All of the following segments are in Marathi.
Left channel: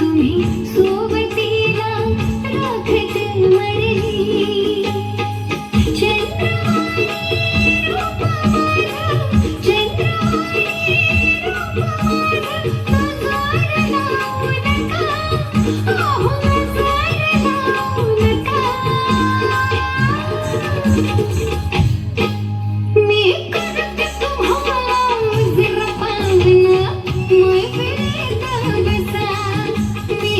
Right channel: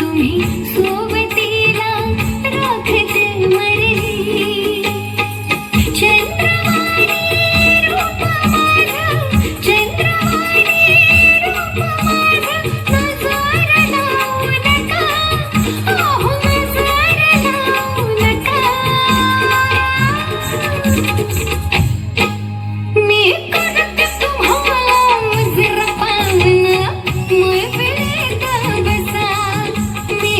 तुम्ही सोबतीला राखते मरली चंद्रवाणी रूप माझं चंद्रवाणी रूप माझं नजर लावू नका ओहो नजर लावू नका मी करते तुम्हाला जरा पाहणं मैफिलीत बसा मी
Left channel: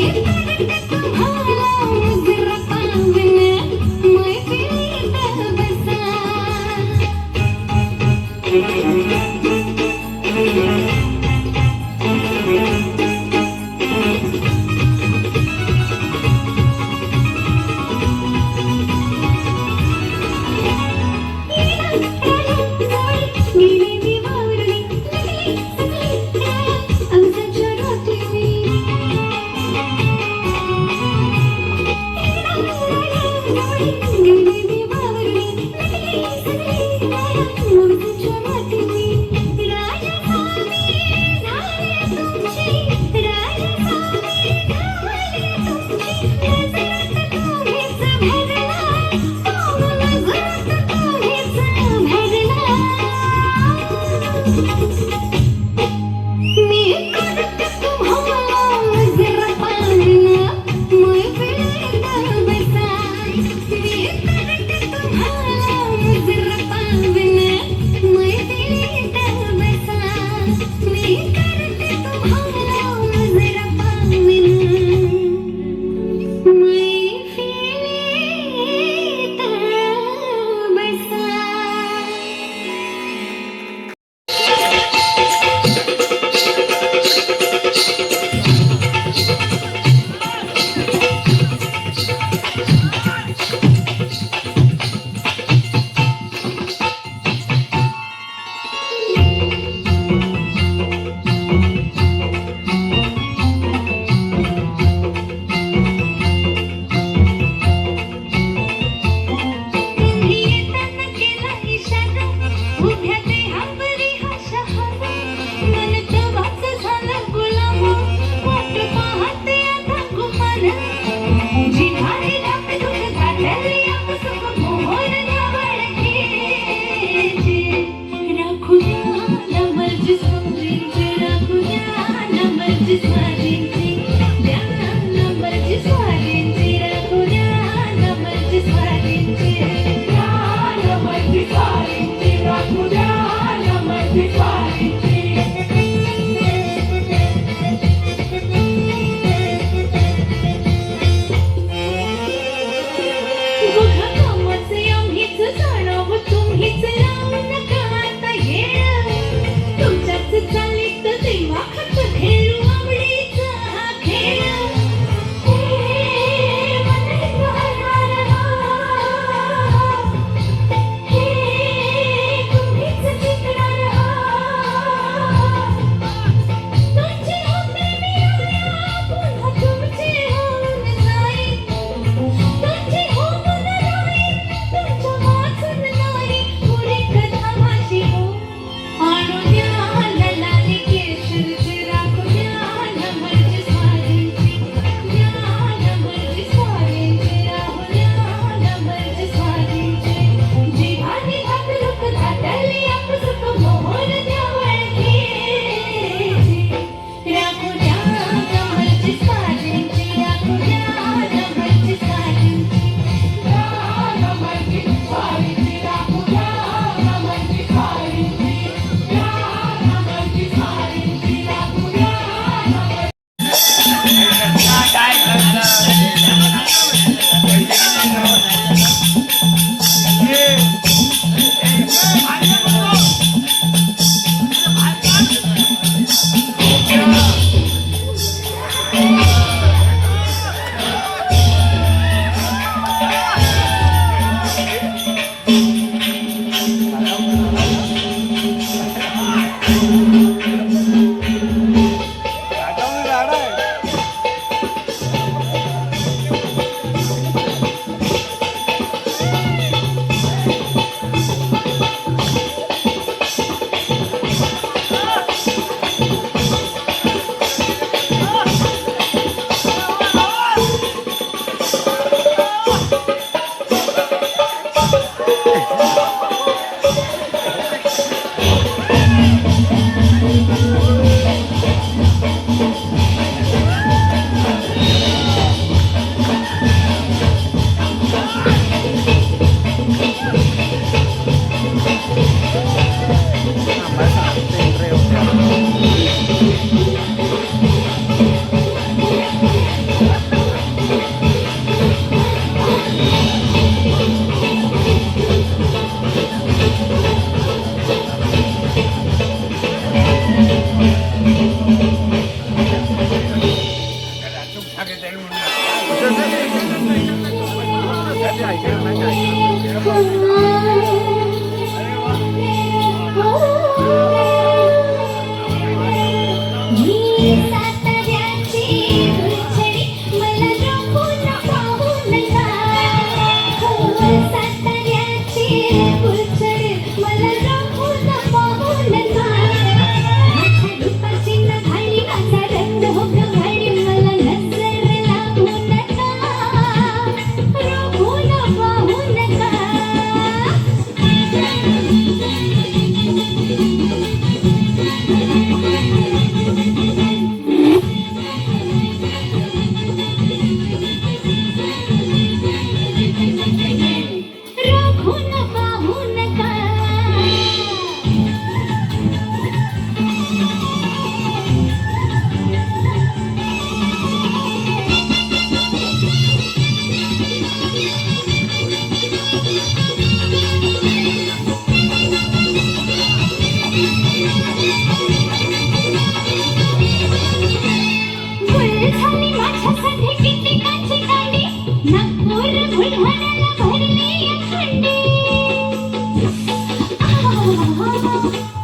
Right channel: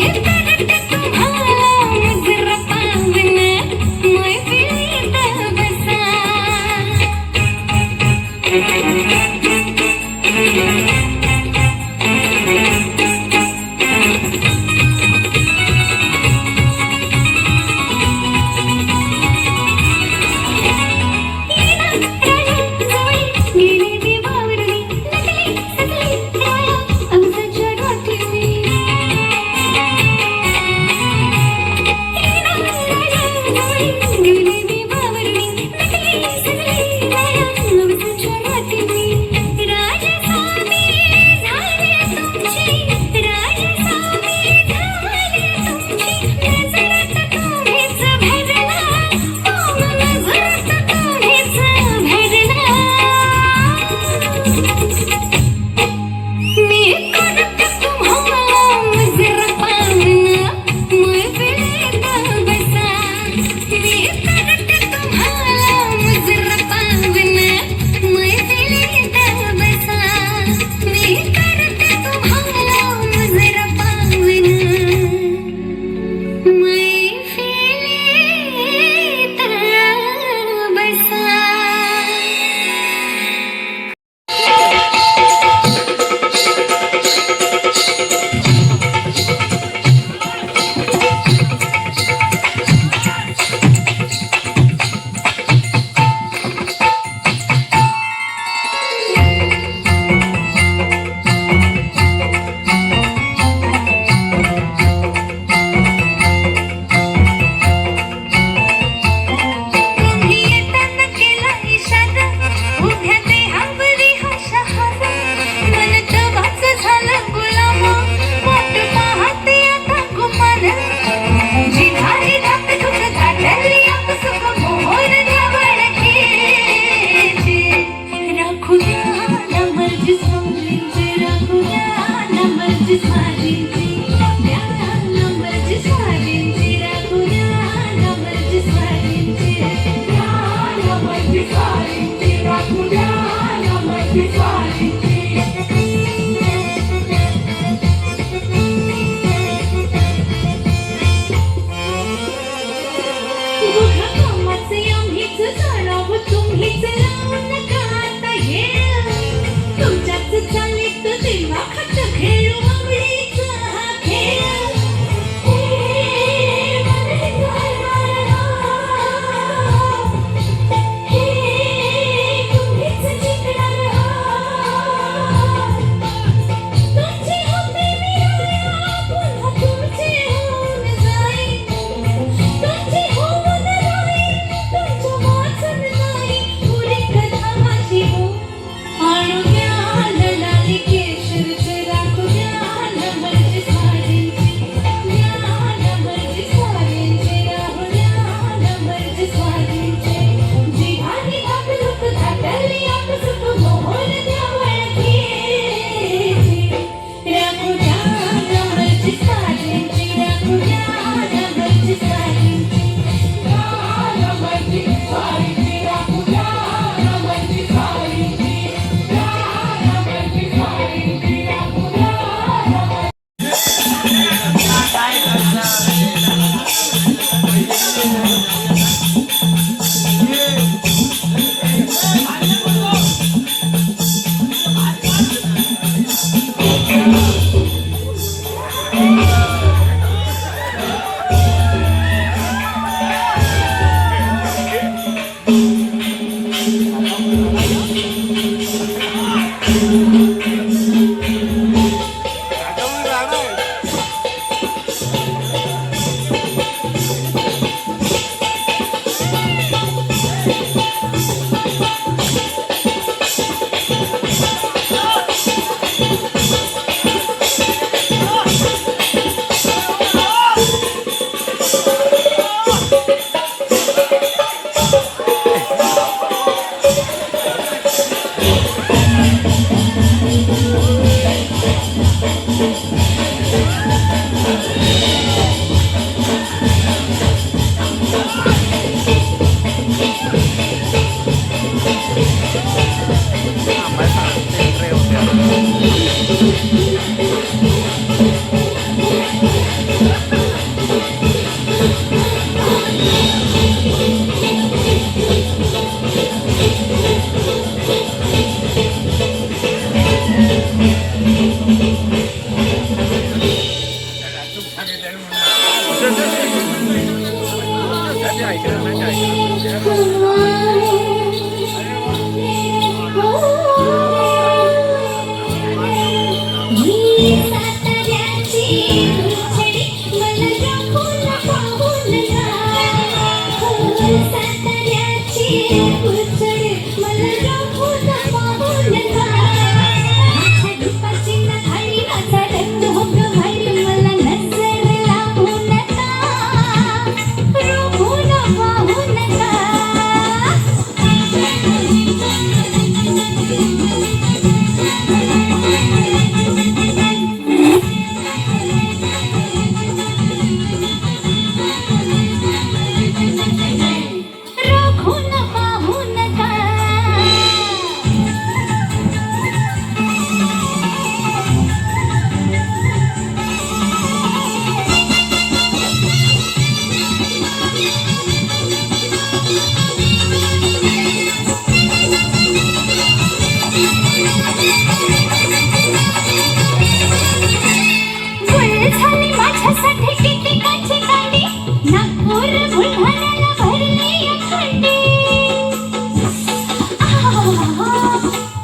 झाली माझ्यासाठी किती काची कांडी नागपूर बुलढाण्याला भरली खंडी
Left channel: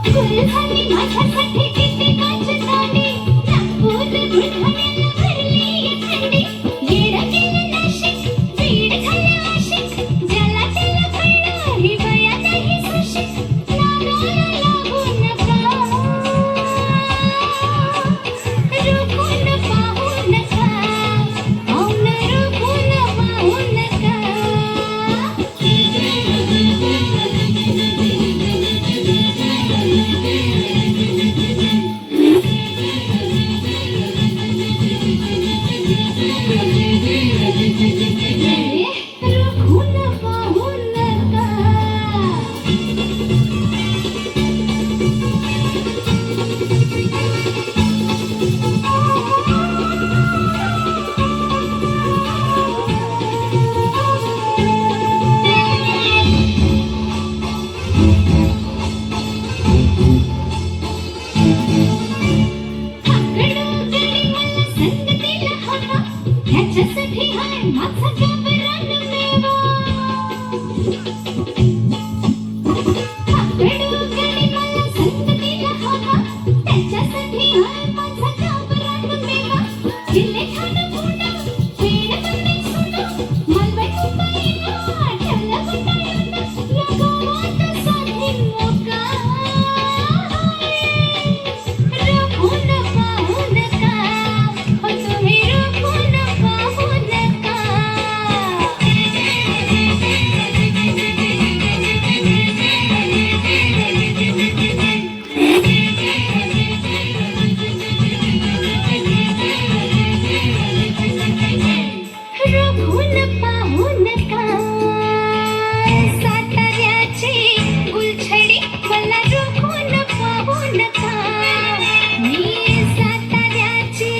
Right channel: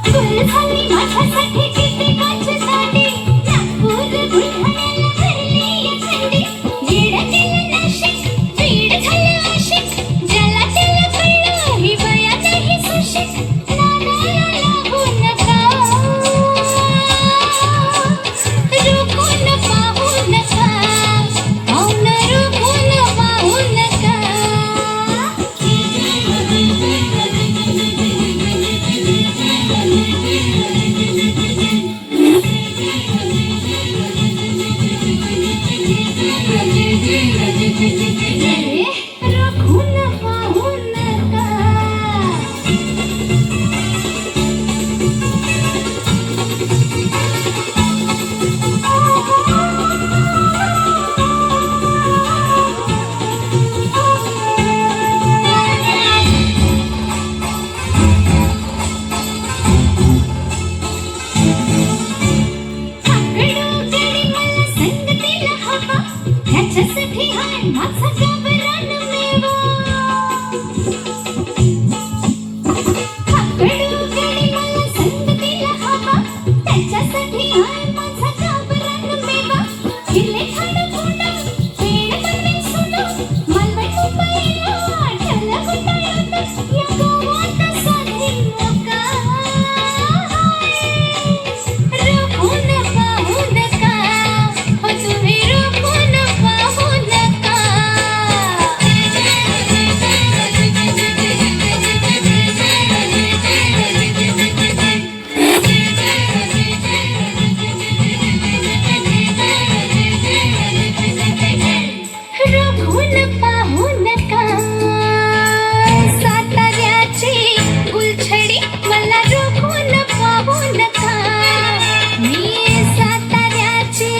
फुल झाली माझ्यासाठी किती काची कांडी नागपूर बुलढाण्याला भरली खंडी वीड केलं नाशिक वीड झालं आशिक ज्याला त्याला कळलं ही बया नाही सुशिक नानाला लागू नका रुकून पाहू नका पाहून रुकून पाहू नका रुकून पाहू नका त्याच्यासाठी हाय माझा गबरान मेवा कडूकडे मला संग दिला हवा त्याच्यासाठी हाय माझा गबरान मेवा किल्ले ठाण पुणा पेड बने सुना मलवट मुंबईला ठला गुटाळत या गोवात साधी नका रुकून पाहू नका हो तुम्ही रुकून पाहू नका रुकून पाहू नका साताऱ्याची गुलछडी मला रुकून पाहू नका मी साताऱ्याची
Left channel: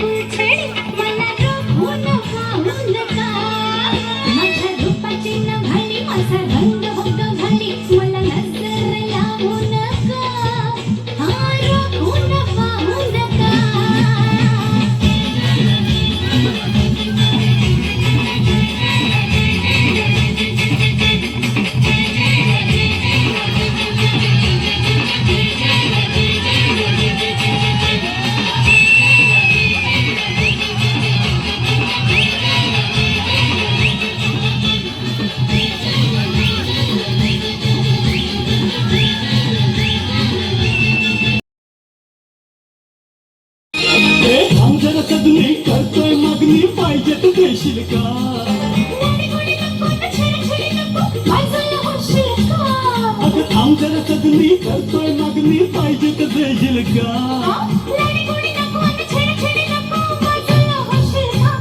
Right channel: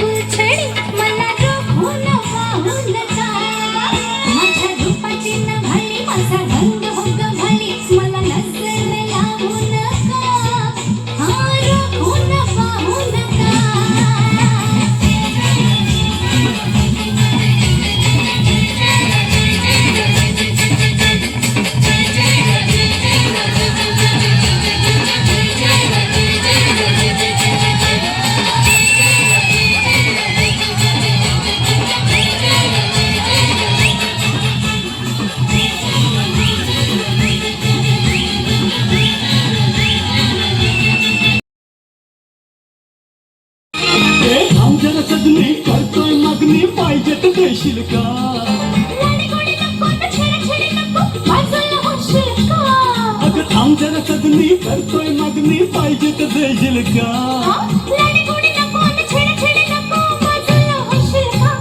गुलछडी मला रुकून पाहू नका माझ्या रूपाची नभाली माझा रंग भंग घाली मला नजर लावू नका रुकून पाहू नका आमच्या सगळी करतोय मागणी पाहिजे तू देशील का लाडी गोडी नको छेडी नको माझं होशील का अगं आमच्या सगळी करतोय मागणी पाहिजे तू देशील का लाडी गोडी नको छेडी नको माझं होशील का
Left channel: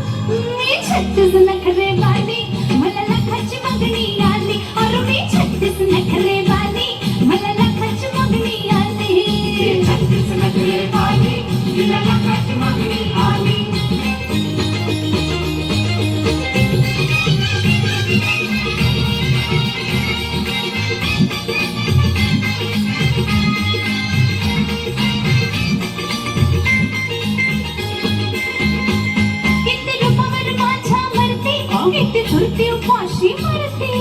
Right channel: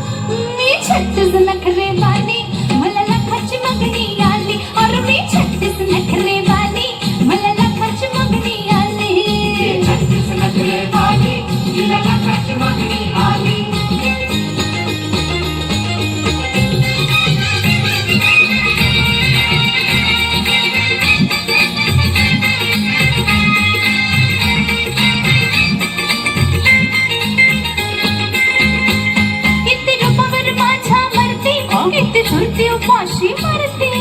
मी 36 नखरे वाली मला लाखाची मागणी आली और मी 36 नखरे वाली मला लाखाची मागणी आली 36 नखरे वाली तिला लाखाची मागणी आली किती रूपावर माझ्या मरते किती झुरती उपाशी मरते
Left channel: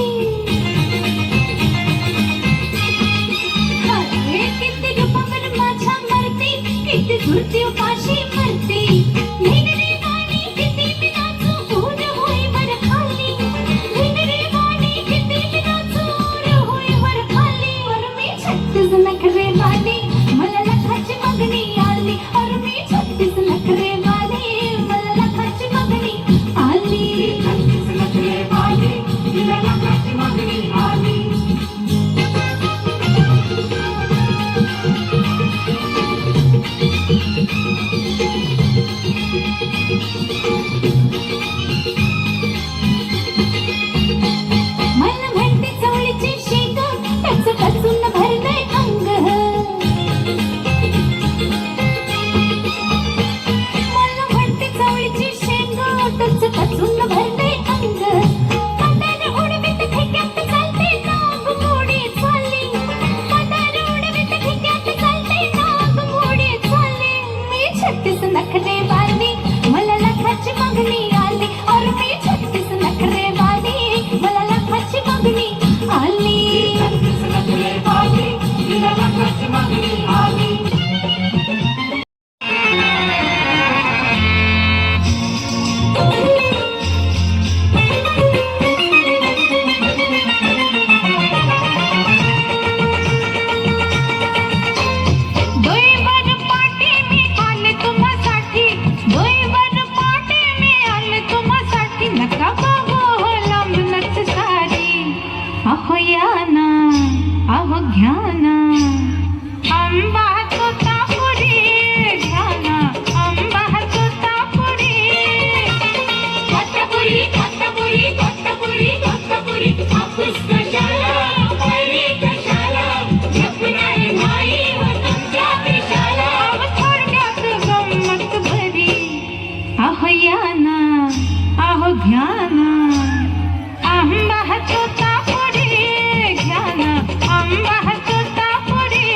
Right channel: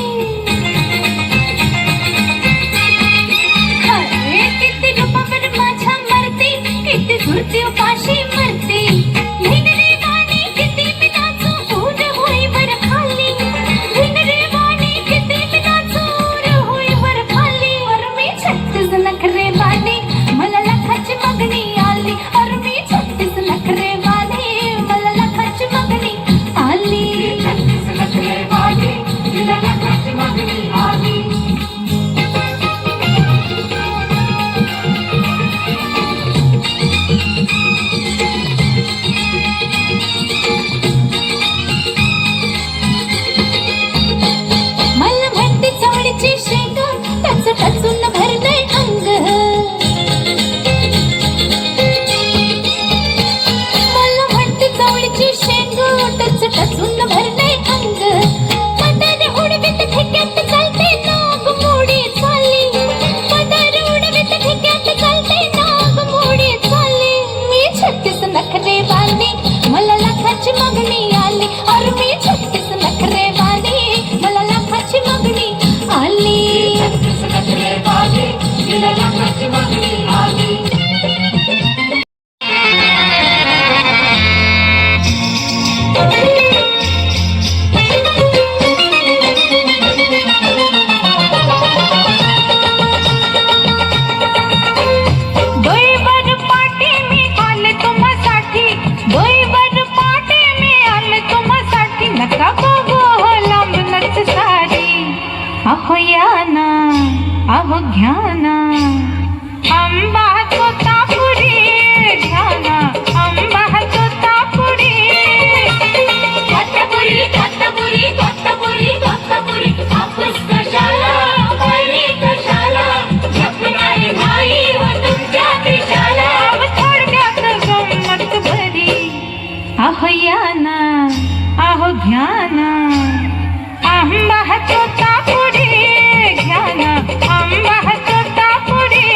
अरे किती रूपावर माझ्या मरते किती झुरती उपाशी मरते भिनरे वाणी किती मी नाचू ऊन होई वर खाली भिनरे वाणी किती मी नाचू ऊन होई वर खाली और मी 36 नखरे वाली मला लाखाची मागणी आली और मी 36 नखरे वाली मला लाखाची मागणी आली 36 नखरे वाली तिला लाखाची मागणी आली मला म्हणते चवळीची शेंग टचून भरलंय अंग मला म्हणते चवळीची शेंग टचून भरलंय अंग मदार उडवीत ठेक्यात चालते नाग मोडी चालली मदार उडवीत ठेक्यात चालते नाग मोडी चालली मी 36 नखरे वाली मला आंबा तोतापुरी तोतापुरी तोतापुरी तोतापुरी तोतापुरी हापूस कशाला कैरी कशाला जपणारे नाही व तुमच्या देशाला थोडक्यात गंमत भरी अहो या ना अहो घ्या ना आंबा तोतापुरी घ्या ना आंबा तोतापुरी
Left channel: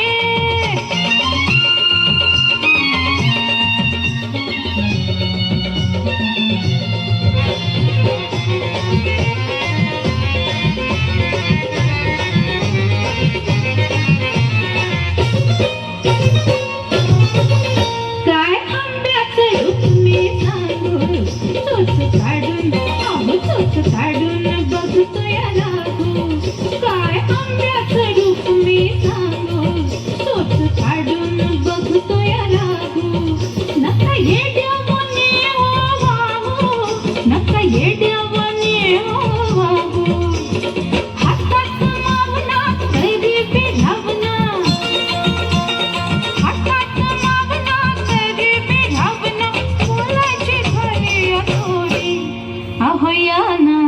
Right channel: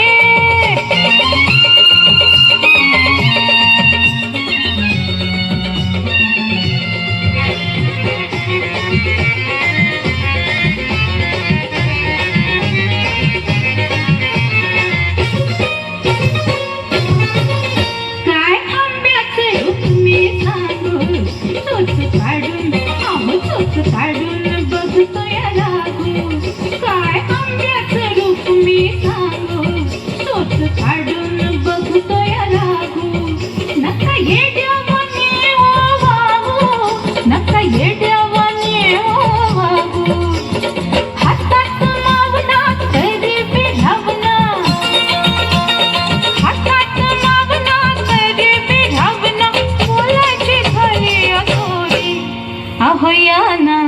काय आंब्याचं रूप मी सांगू चोच काढून चोच काढून बघतो या लागू काय आंब्याचं रूप मी सांगू चोच काढून बघतो या लागू नका येड्यावानी हो वागू नका येड्यावानी हो वागू हातात मावना तरी बिघावना हातात मावना तरी बिघावना बोलायची झाली अगोरी अहो या ना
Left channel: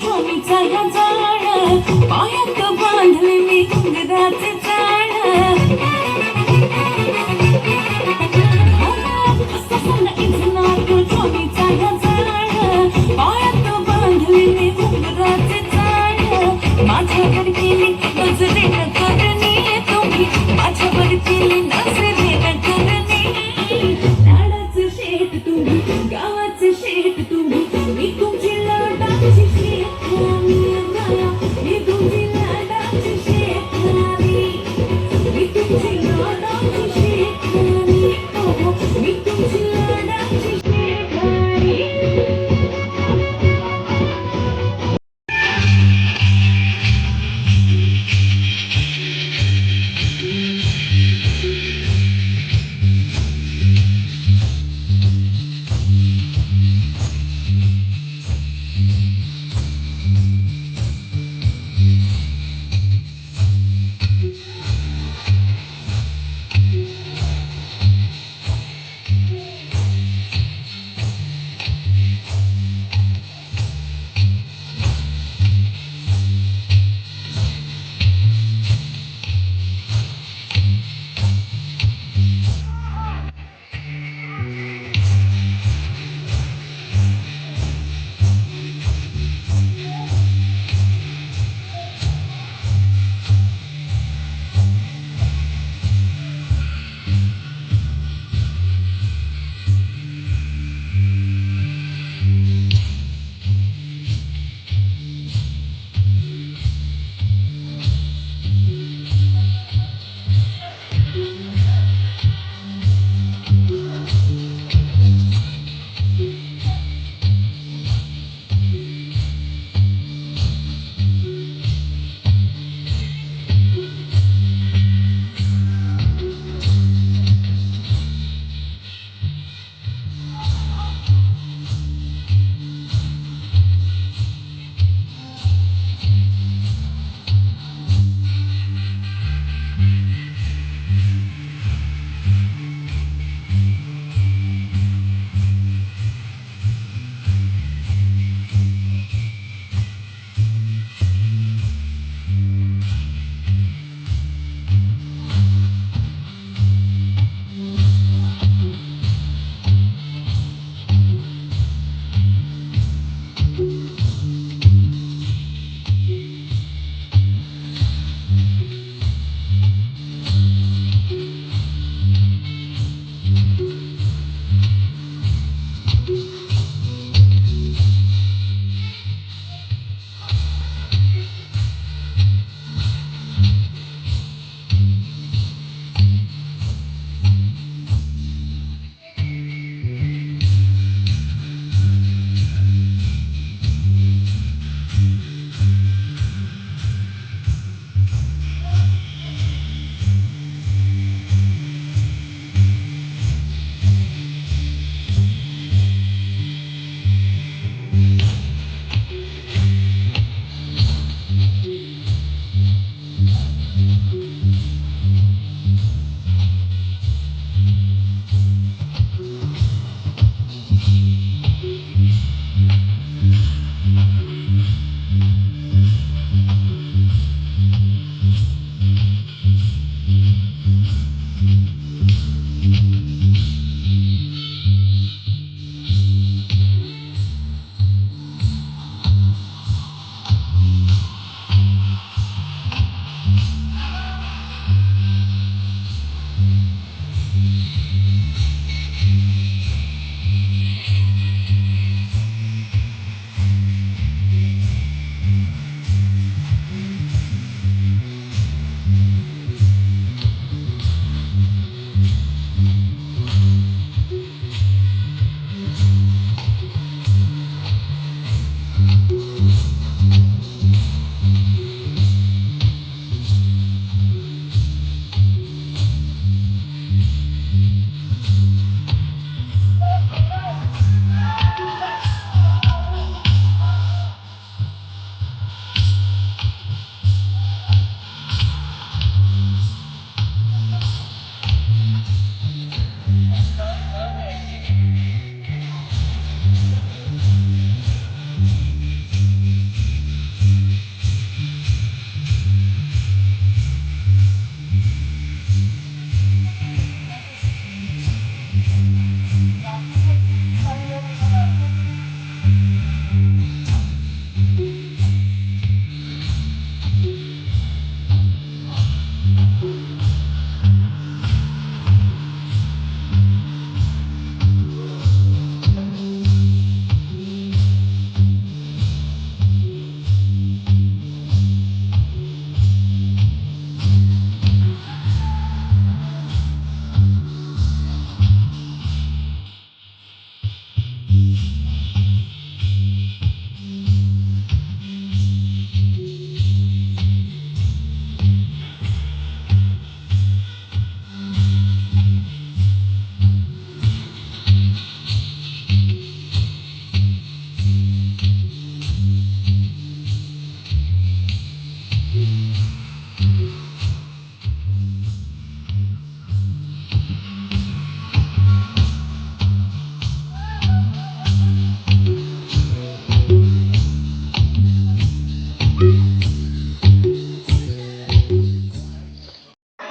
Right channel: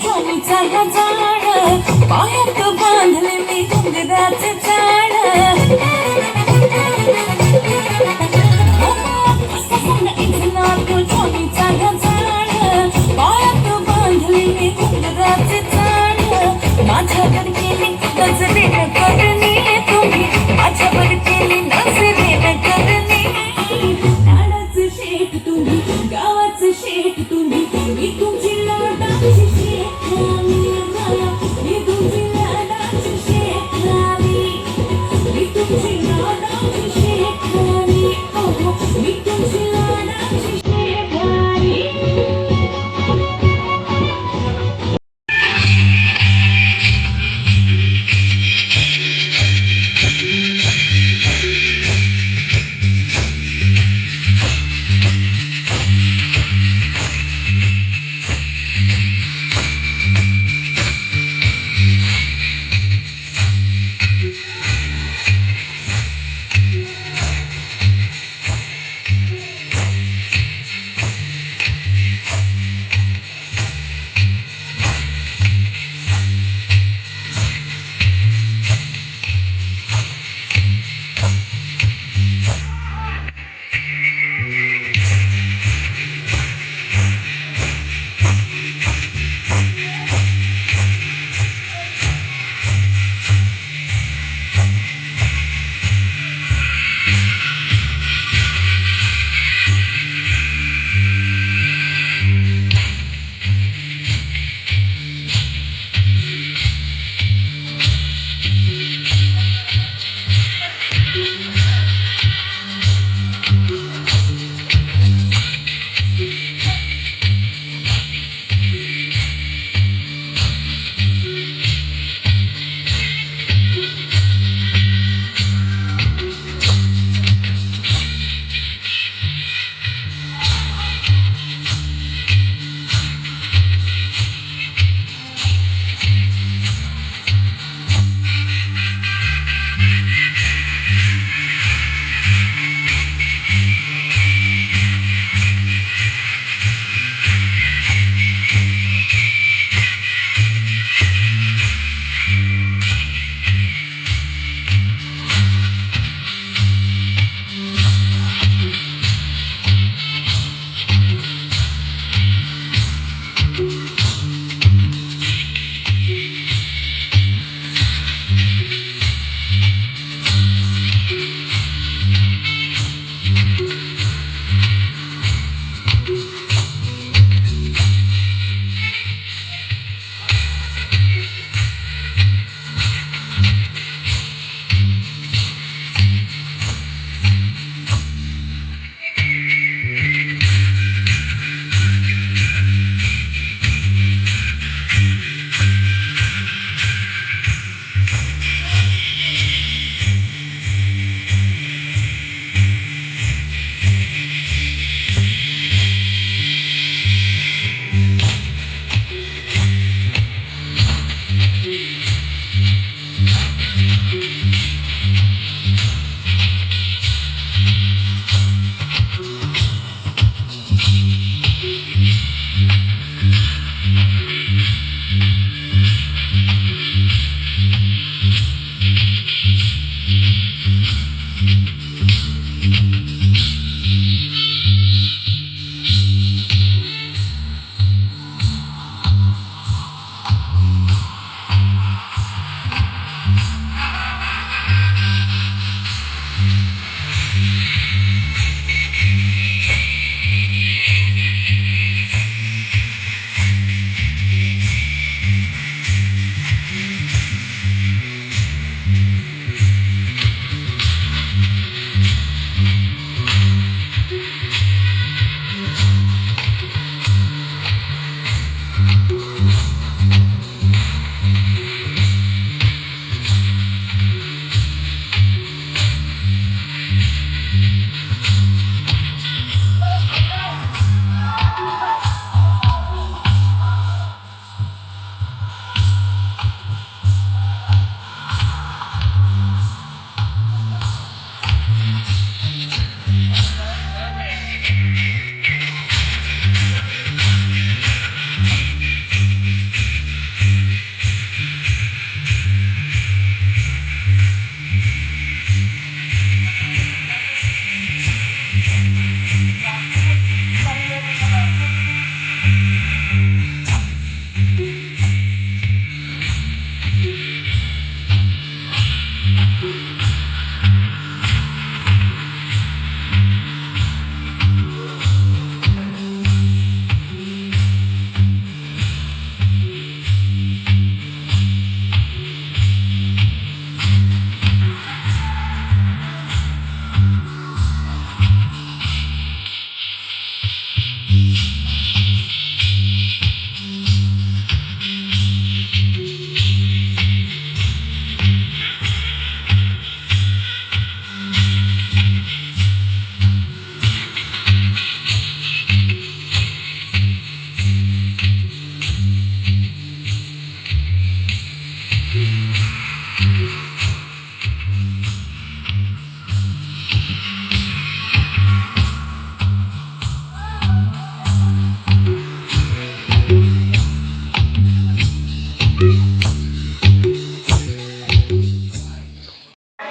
स्वामीचा गजाळ, पायात बांधले मी घुंगराचे जाळ. स्वामीचा गजाळ, पायात बांधले मी घुंगराचे जाळ. माझ्यावर केली नजरेनं करणे तुम्ही, माझ्यावर केली नजरेनं करणे. लाडाचे शेठ तुम्ही, गावाचे शेठ तुम्ही, मी तुमची लाडाची शेठाणी. मी तुमची लाडाची शेठाणी, मी तुमची लाडाची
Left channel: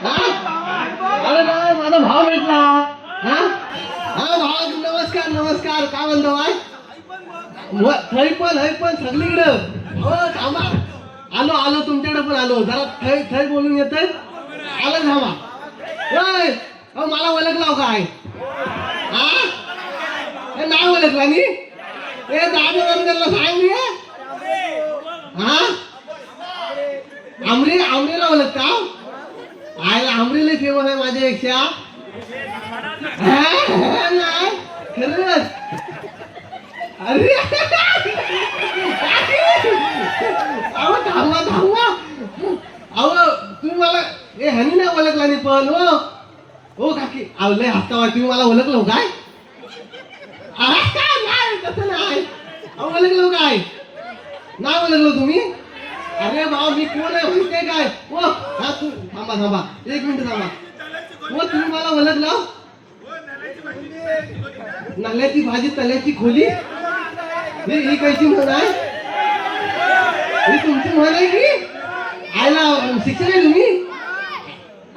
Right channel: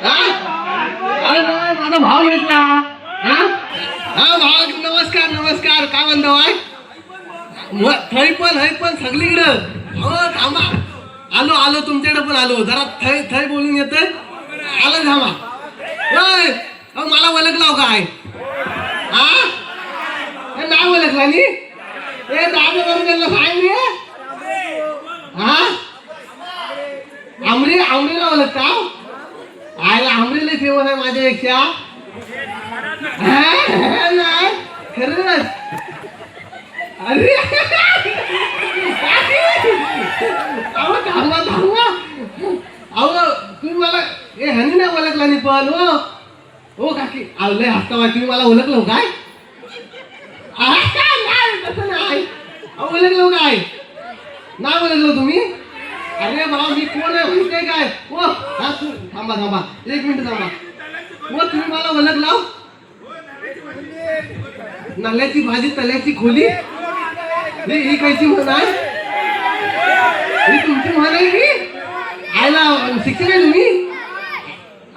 हा? अरे नाही, माझा भाव भेटला. हा भाव, नमस्कार नमस्कार. काय म्हणतो बाय? थै पण सगळीकडं. हो थांबा, आलो तुमच्याकडे पण आलो. जरा थै बोलून येते. आलं थांबा. मला ओळखलाव काय? हा नाही ओळखला मी. दादा वर्गाला सांग. हा आमरीला ओळखता? आयला आमरीला फेमस आहे माझ्यापेक्षा. नाही खरंच. अरे अहो थांबा. अहो तुम्ही मला ह्यानी नाही ओळखला नाही पण. हो काकी लय हसता वाट. तुम्ही मला ओळखलो काय? नाही तसं नाही. ओळखलो काय? नाही ओळखलो तुम्ही? अरे बाबा मी कोण आहे माहिती काय? थांबा 1 मिनिट थांबा. तुम्ही मला ओळखलं? नल्याची भाजी तल्याची खोली. ही कायची म्हण आहे? ही तुमची म्हण आहे की? आयला शिक्षक आहे तुम्ही?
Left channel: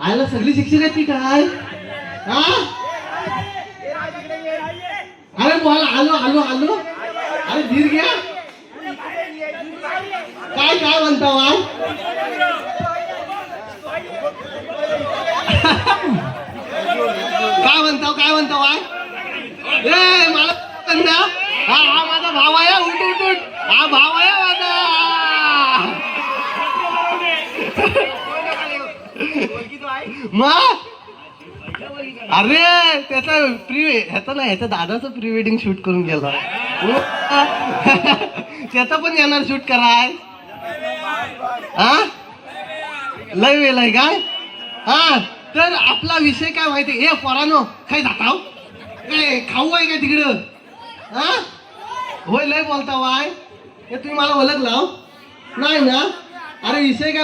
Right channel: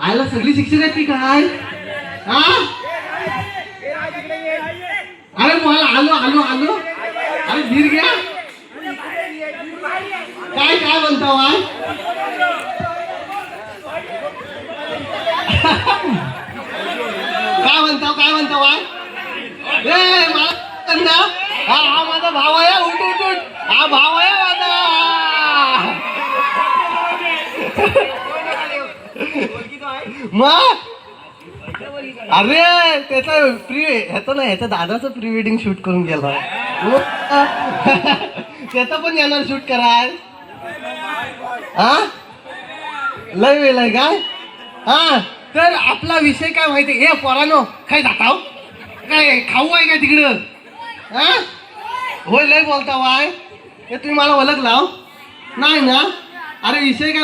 आयला सगळी शिक्षक आहे ती काय? हा अरे बोला. आलो. अरे धीर घ्या. काय म्हणतो बाय? काय म्हणतो बाय? मला हा माझा भाव आहे. उठ. हा भाव आहे माझा. मग अरे ह्याचं दादाचं प्री वेडिंग शूट करून गेला. त्याचा पण येणार शूट कराय. हा लय वेळ आहे काय? हा तर आपला विषय काय माहिती? पोरानो काय जाताव? काय खाऊ आहे का तिकडं? हा होय लय बोलता वाय. तुम्ही मला ओळखला नाही ना? अरे विषय काय?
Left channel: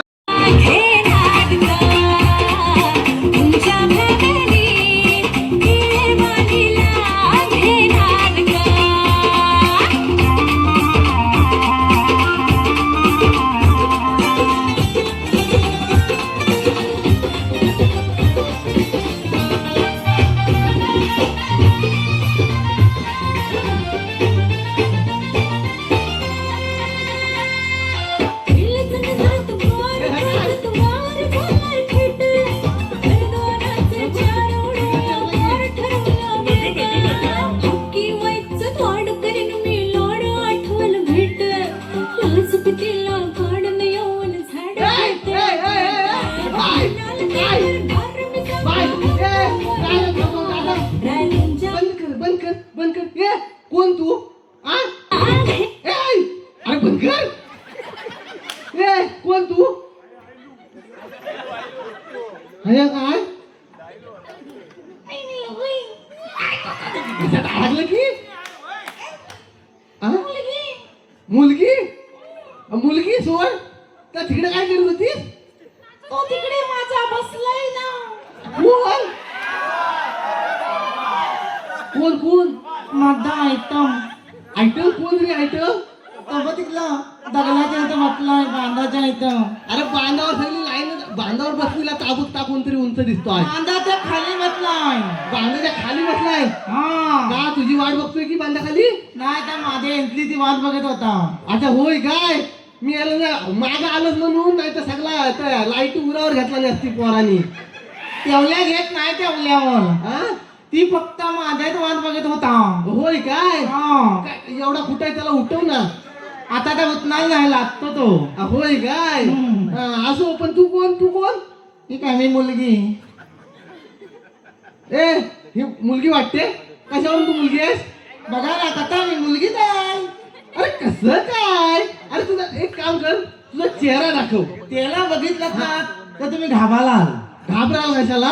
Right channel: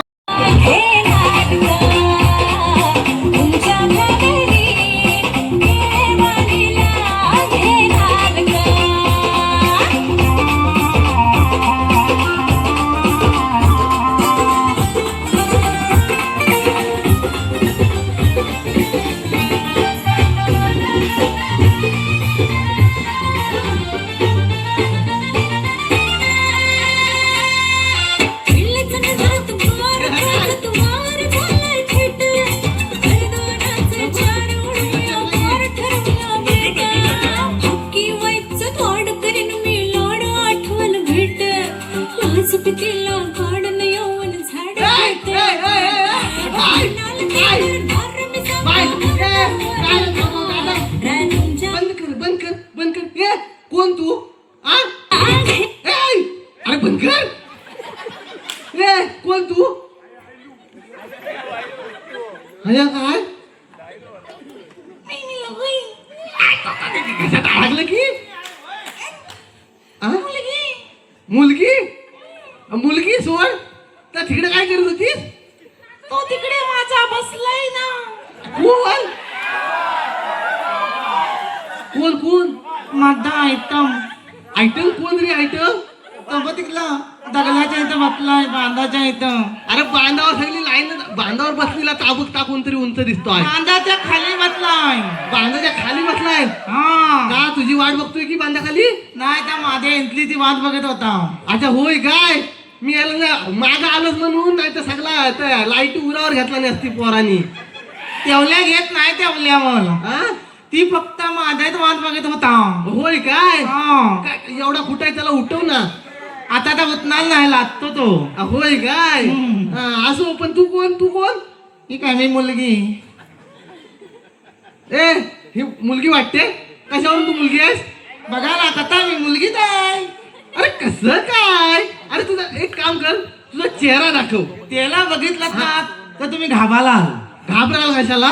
बंद कर. कोण तू? अरे बंद कर. कोण तू? काय लागलं की? मुलगी सोड. तर तिकडे काय करत होतीस? तो तिकडे माझा बसलाय ना. कोण? माझा आयटम कोण रे? आयटम तो तिकला दगलाच्या इथं बसलाय. बांधाच्या इथं. अरे बांधावर सगळी लाईन. बांधावर बसलेला ताबूक कोणतरी उंच दिसतोय. बांधाच्या खाली बसलाय. बांधाच्या खाली बसलाय हा का? तुझी वाट बघतोय की बांधाखाली? नाही त्या माझ्या एंटली ती वाट बघत होता. अच्छा होय काय? मी आलो ना मागं आलोच म्हणून. नाही तर सगळा लाईट उरावर घेतला नसती पोरांनी. तेवल्या घेत नाही तेवल्यावर. हा ती फक्त माझ्याच वाट बघत होता. होय काय? हा. काय एवढा कुठाय? त्याला उठव ना. आता तर उतनाल नाही लागतो तो. होय काय? असो पण तू कोण? ही काय मी मुलगी. ही मुलगी वाटते. कशावरून तू मुलगी आहेस? बघा ना कथा मी मुलगीच आहे. अरे कसं काय? अरे तुझा एक काम कर, तुझा चेहरा दाखव. त्याला बघितलं ना तर तुम्ही घाबालाल. घाबराल कशाला?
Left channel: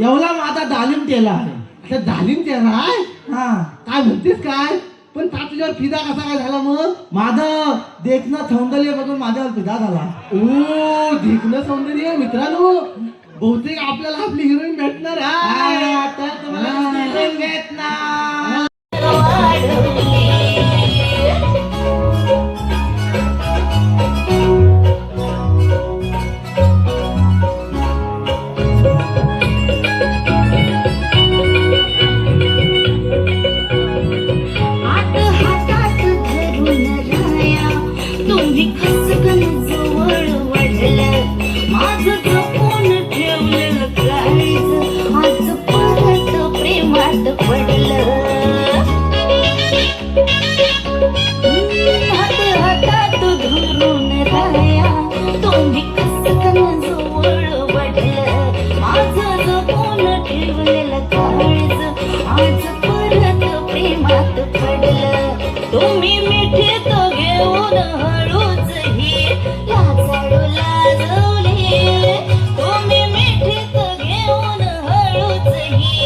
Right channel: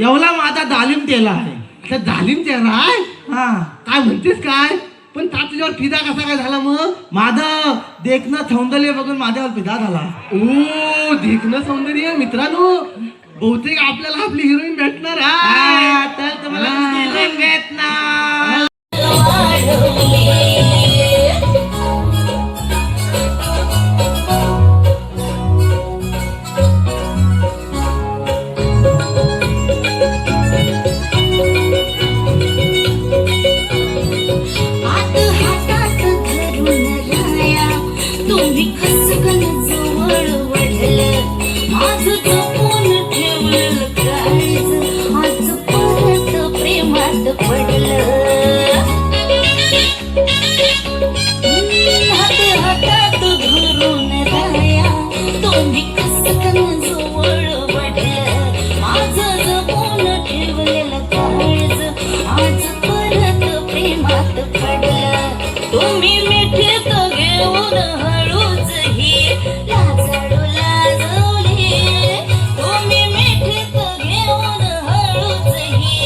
एवढा माझा दालिम तेला आहे. आता जालीम चेहरा आहे. हा काय म्हणतेस काय? पण ता तुझ्यावर फिदा कसा काय झाला मग? माझं देखणं सौंदर्य बघून माझ्यावर फिदा झाला. ओ देखणं सौंदर्य. मित्रांनो बहुतेक आपल्याला आपली हिरोईन भेटणार आहे. तर तुम्हाला भेटणार. माझं जपून ठेवलेलं काळज आज परत प्रेमात पडलं. तुम्ही मिठीत घेऊन हळूच ही लाजाळू लाजवली. तुम्ही मिठीत घेऊन हळूच ही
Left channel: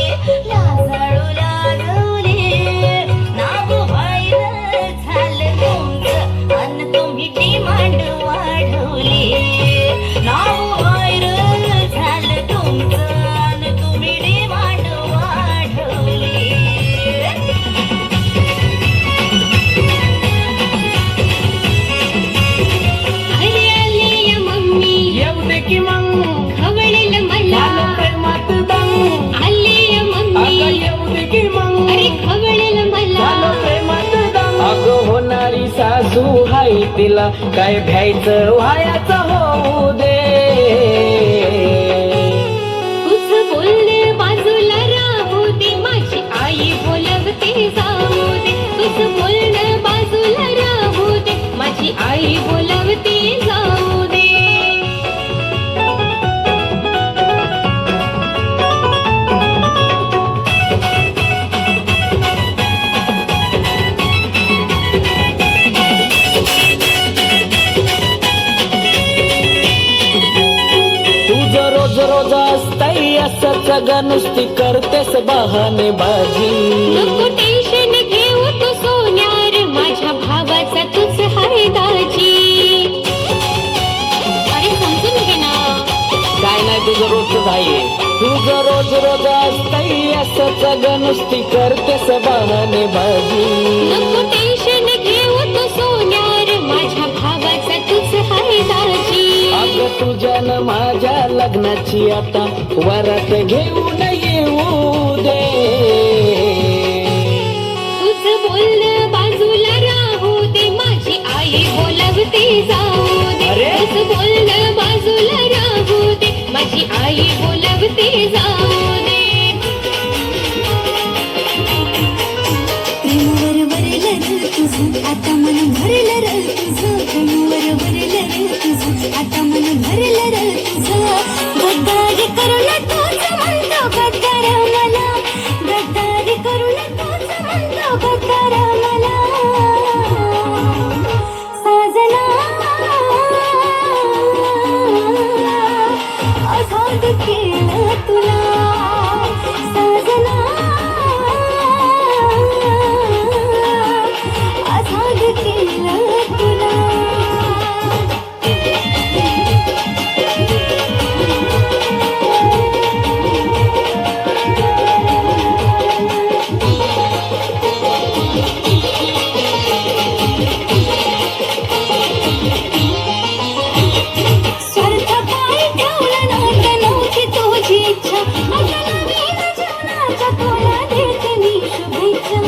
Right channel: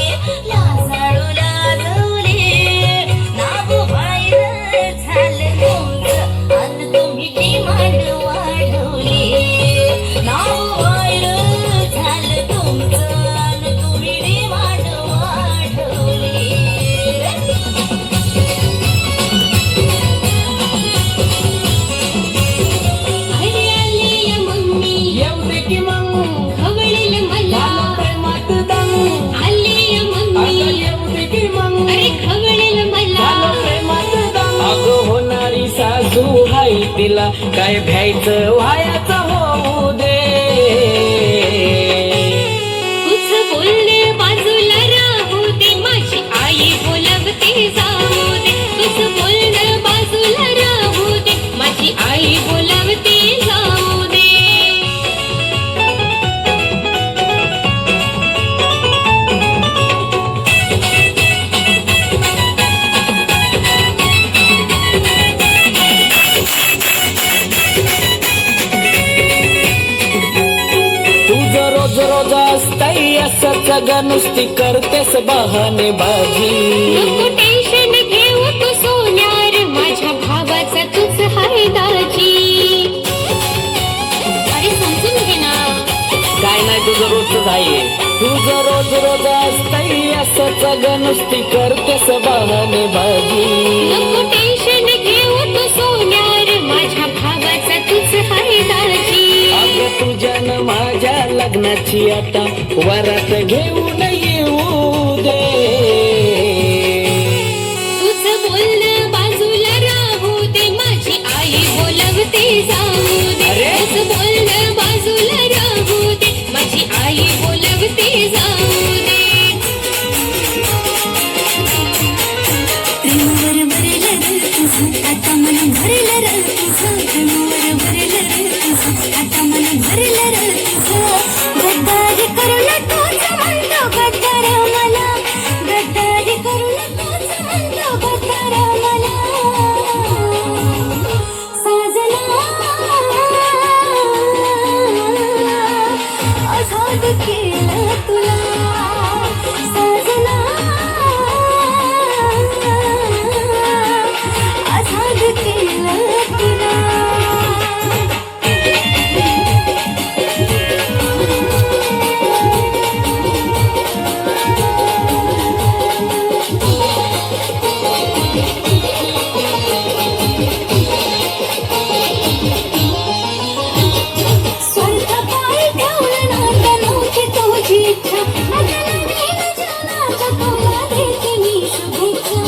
लाजाळू लाजवली. नाव व्हायरल झालं तुमचं अन तुम्ही डिमांड वाढवली. नाव व्हायरल झालं तुमचं अन तुम्ही डिमांड वाढवली. आली आली या मम्मी येऊ दे की मग खवळेल मला. प्रेमात दम आली या मम्मी येऊ दे की मग अरे खवळेल मला. प्रेमात दम अगं होणारी सासू हाय तिला काय भ्यायचं व्हायचं होऊ दे. तुझं बोलणं बाजूला राहू दे माझी आई बोलवते जाऊ दे. तुझं बोलणं बाजूला राहू दे माझी आई बोलवते जाऊ दे. तुझं रोज रोज असतंय असंच ग नुसती करतेस बहाने बाजी. नको टेन्शन घेऊ तू सोन्यार माझ्या भावाचा तूच हाय दाजी. अरे समजून घे ना. काय नाही तुझं रोजच आहे. तुझं रोज रोज असतंय असंच ग नुसती करतेस बहाने बाजी. नको टेन्शन घेऊ तू सोन्यार माझ्या भावाचा तूच हाय दाजी. अगं तुझ्यानं माझ्या लग्नाची आता वरात घेऊन येऊ दे. तुझं बोलणं बाजूला राहू दे माझी आई बोलवते जाऊ दे. तुझं बोलणं बाजूला राहू दे माझी आई बोलवते जाऊ दे. प्रेमावर भरलं रे तुझं आता मन भरलं रे तुझं. प्रेमावर भरलं रे तुझं आता मन भरलं रे तुझं. गद्दारी करून तूच म्हणतो गद्दार मला. गद्दारी करून तूच म्हणतो गद्दार मला. साजना आझाद केलं तुला. साजना आझाद केलं तुला. स्वार्थ पायी ठेवलं नातं नव्हती तुझी इच्छा. आता नवीन जीवनाच्या तुला देते मी शुभेच्छा.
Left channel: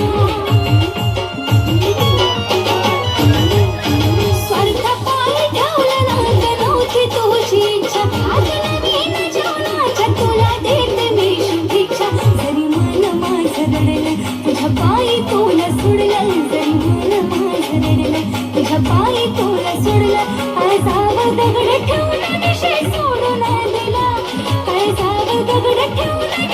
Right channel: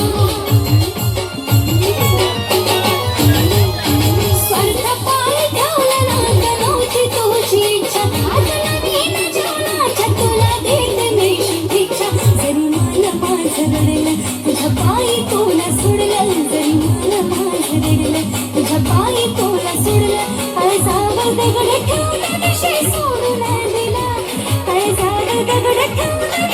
स्वार्थ पायी ठेवलं नातं नव्हती तुझी इच्छा. आता नवीन जीवनाच्या तुला देते मी शुभेच्छा. जरी मन माझं रडलं तुझ्या पायी तुला सोडलं. जरी मन माझं रडलं तुझ्या पायी तुला सोडलं. काळजावर दगड ठेवून विषय सोडून दिला. काळजावर दगड ठेवून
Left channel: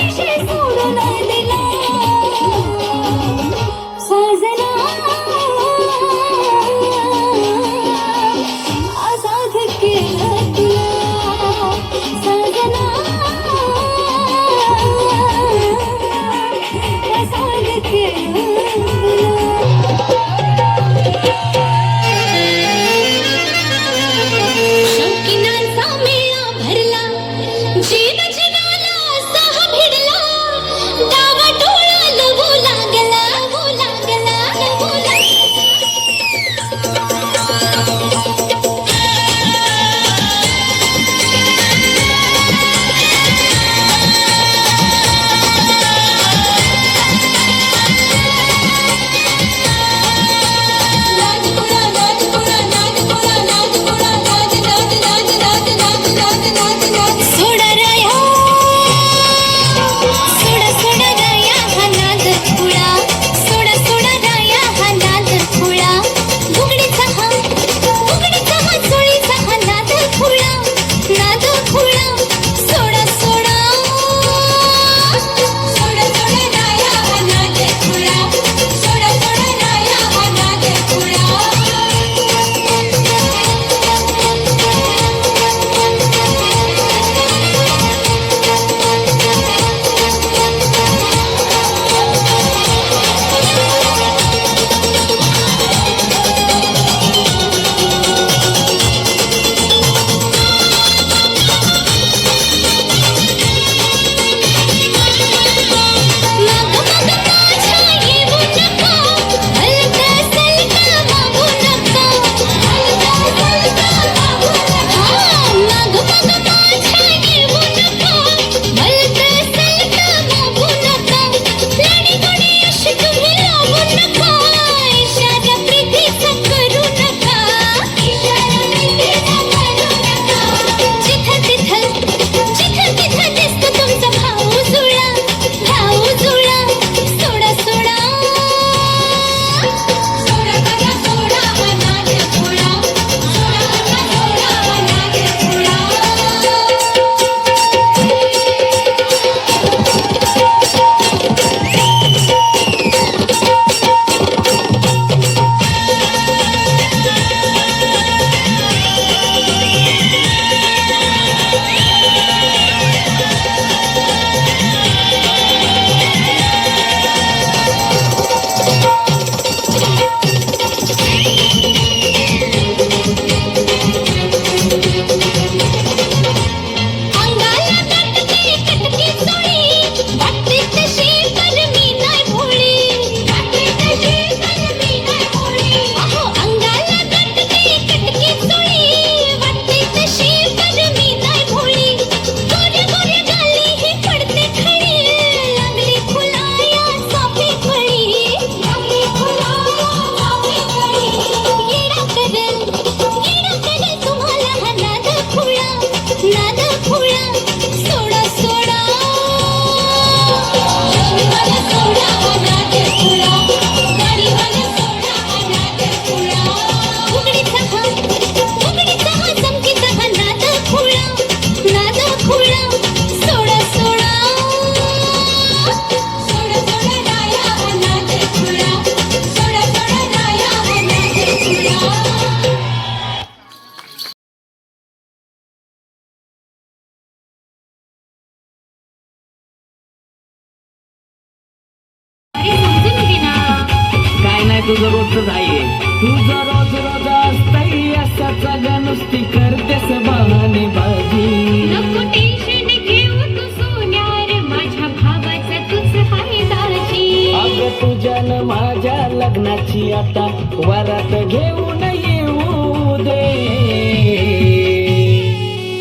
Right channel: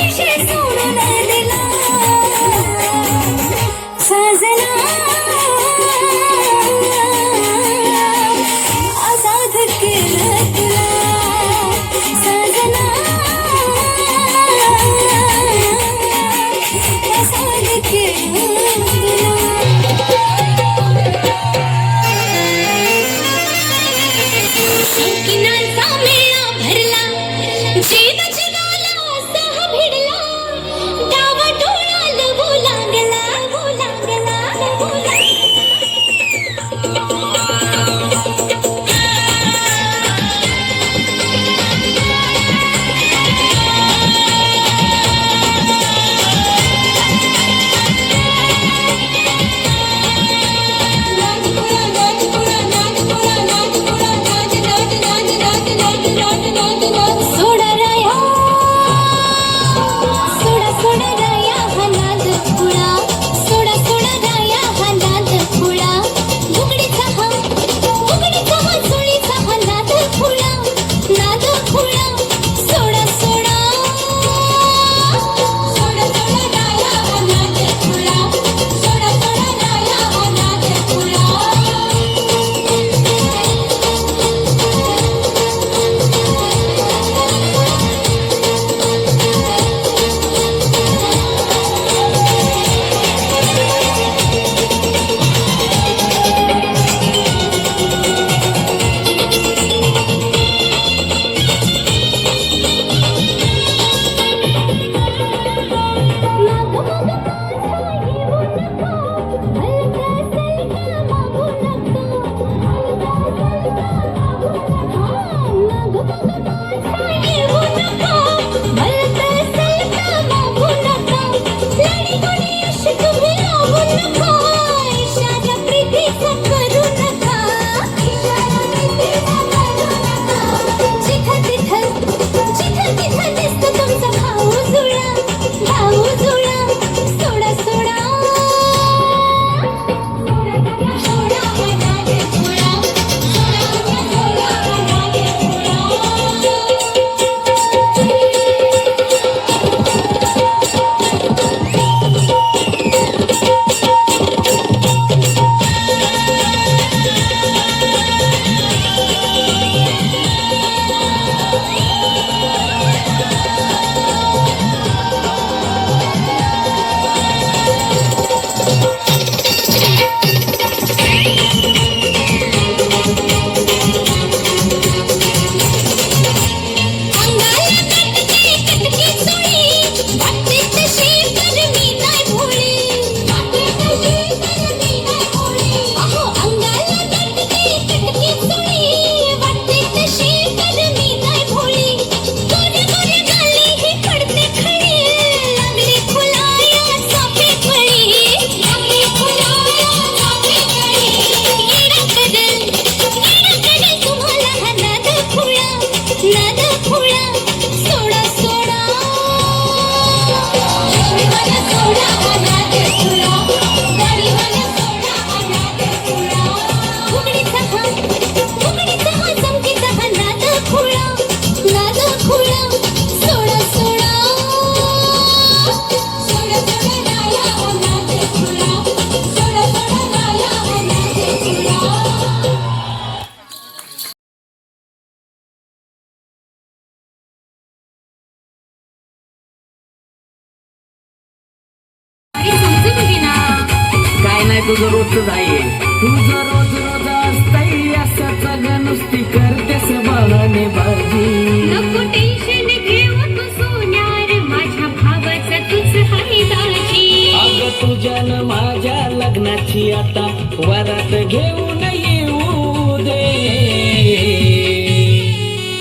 तुझं रोजच आहे तुझं रोज रोज असतंय असंच ग नुसती करतेस बहाणे बाजी नको टेन्शन घेऊ तू सोन्यार माझ्या भावाचं तुझ हाय दाजी अगं तुझ्यानं माझ्या लग्नाची आता वरात घेऊन येऊ दे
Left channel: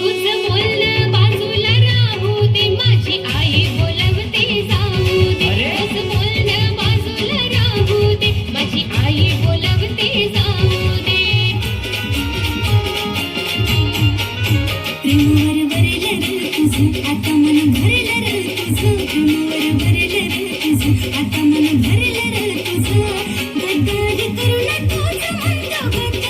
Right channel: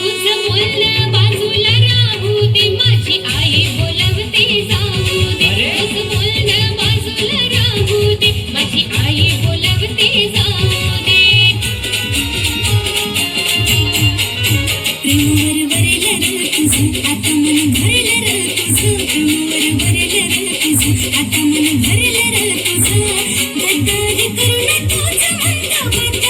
तुझं बोलणं बाजूला राहू दे माझी आई बोलवते जाऊ दे तुझं बोलणं बाजूला राहू दे माझी आई बोलवते जाऊ दे प्रेमावर वरलं तुझं आता मन भरलं तुझं आता मन भरलं तुझं गद्दारी करून तुझं म्हणलं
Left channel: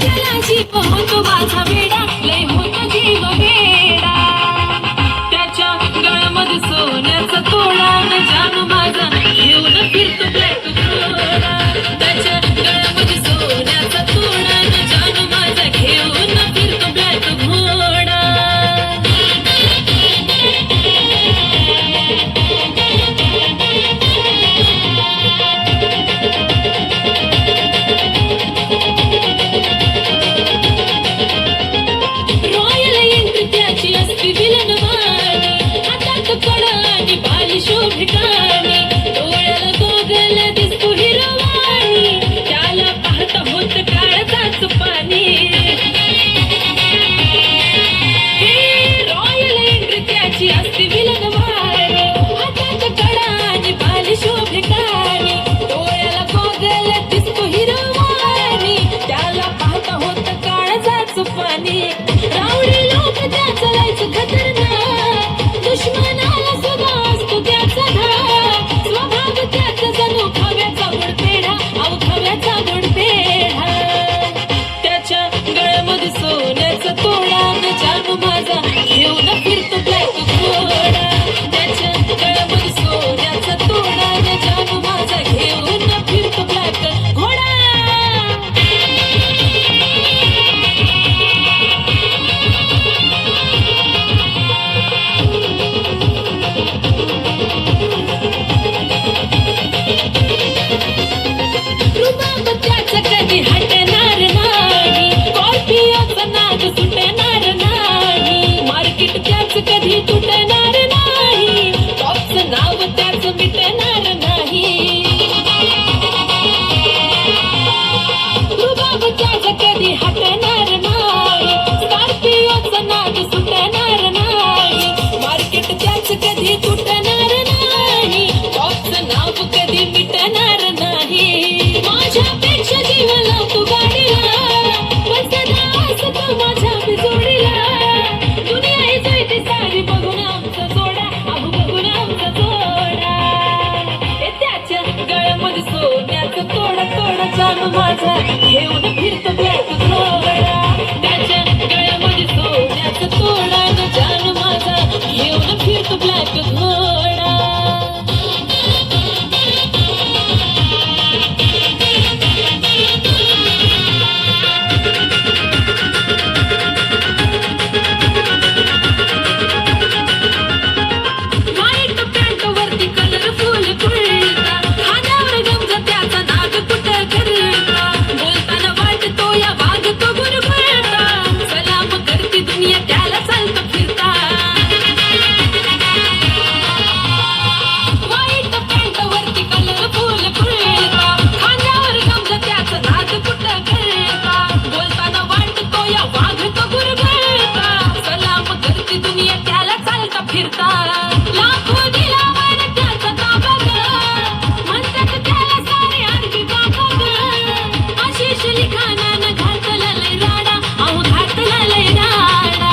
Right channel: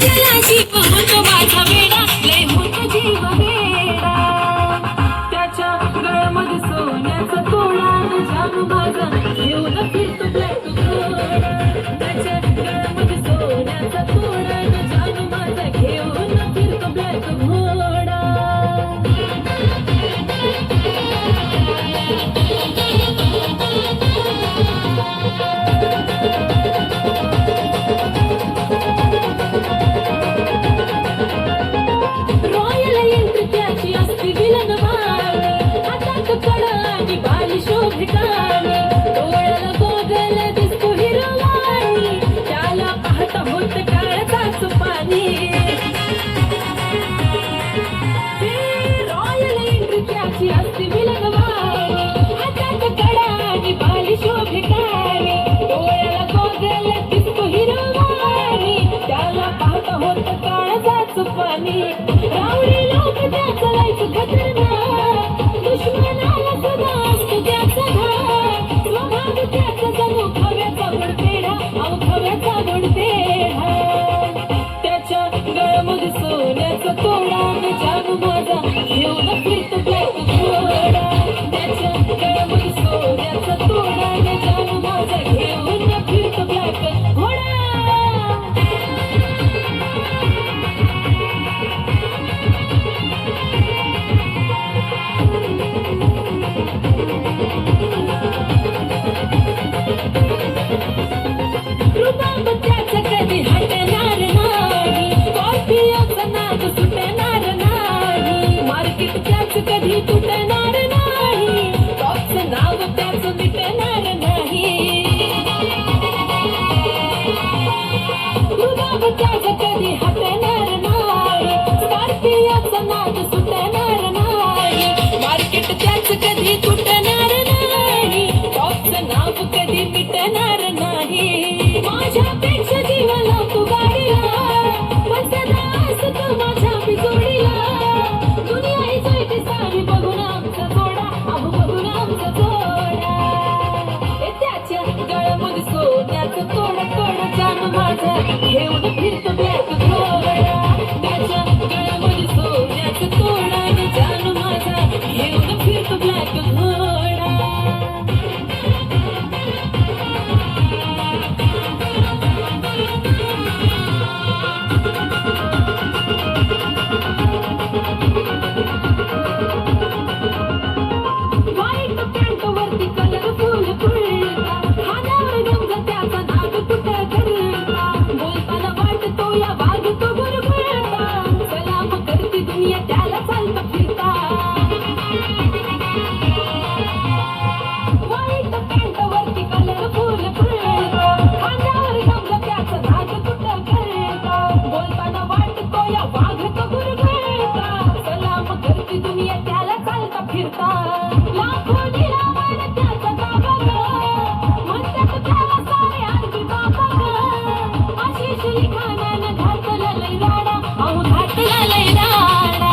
त्याला जीव होतो माझा वेडा लय होतो जीव वेडा त्याच्या गळ्यामध्ये सोन्याचा तोडा न जानू माझा घेऊन फिरतो ब्लॅक घोडा त्याच्या गळ्यामध्ये सोन्याचा तोडा न जानू माझा घेऊन फिरतो ब्लॅक घोडा रॉयल एंट्री त्याची असती विलन वाणी हातात कडा आणि बाल शोभिकानी डोळ्याला गोगल दिसतो हिरवाणी त्याला पाहता होत काळजाचं पाणी रॉयल एंट्री त्याची असती विलन वाणी हातात कडा आणि बाल शोभिकानी डोळ्याला गोगल दिसतो हिरवाणी त्याला पाहता होत काळजाचं पाणी रावडी लोक त्याचं लायचं खतरनाक दुश्मनाला सुद्धा असतो त्याचा धाक स्वभाव त्याचा जणू खव्याचा गुडपेढा अहो खव्याचा गुडपेढा त्याच्या गळ्यामध्ये सोन्याचा तोडा न जानू माझा घेऊन फिरतो ब्लॅक घोडा त्याच्या गळ्यामध्ये सोन्याचा तोडा न जानू माझा घेऊन फिरतो ब्लॅक घोडा रुबाब त्याचा कधी हटणार नाही कॉफीचा नाद सुटणार नाही मार्केट त्याचं कधी तुटणार नाही टॉपचं नाव त्याचं मिटणार नाही रुबाब त्याचा कधी हटणार नाही स्कॉर्पिओचा नाद सुटणार नाही मार्केट त्याचं कधी तुटणार नाही टॉपचं नाव कधी मिटणार नाही माझ्यापेक्षा जीव लावतो गाडीला पण सदा असतो माझ्या बिजोडीला दुनिया ही जळते सारी बघून आमचा जोडा अहो बघून आमचा जोडा हे त्याच्या गळ्यामध्ये सोन्याचा तोडा तोडा जानू माझा घेऊन फिरतो ब्लॅक घोडा त्याच्या गळ्यामध्ये सोन्याचा तोडा न जानू माझा घेऊन फिरतो ब्लॅक घोडा व्हाईट पॅन्ट वरती कलरफुल कुर्ता खांद्यावर गमजा त्याचा नाग कुठं करता बोलताना वाटतो या वागतो गुरगुरता सलाम करती दुनिया त्याला चालतं फिरता व्हाईट पॅन्ट वरती कलरफुल कुर्ता खांद्यावर गमजा त्याचा नाग कुठं करता बोलताना वाटतो या वागतो गुरगुरता सलाम करती दुनिया त्याला चालता फिरता लाखो दिलावर त्याचा ताबा ग म्हणतात त्याला सारे आणखी बाबा ग आशिष लिखाणानं घातला लय राडा अहो घातला लय राडा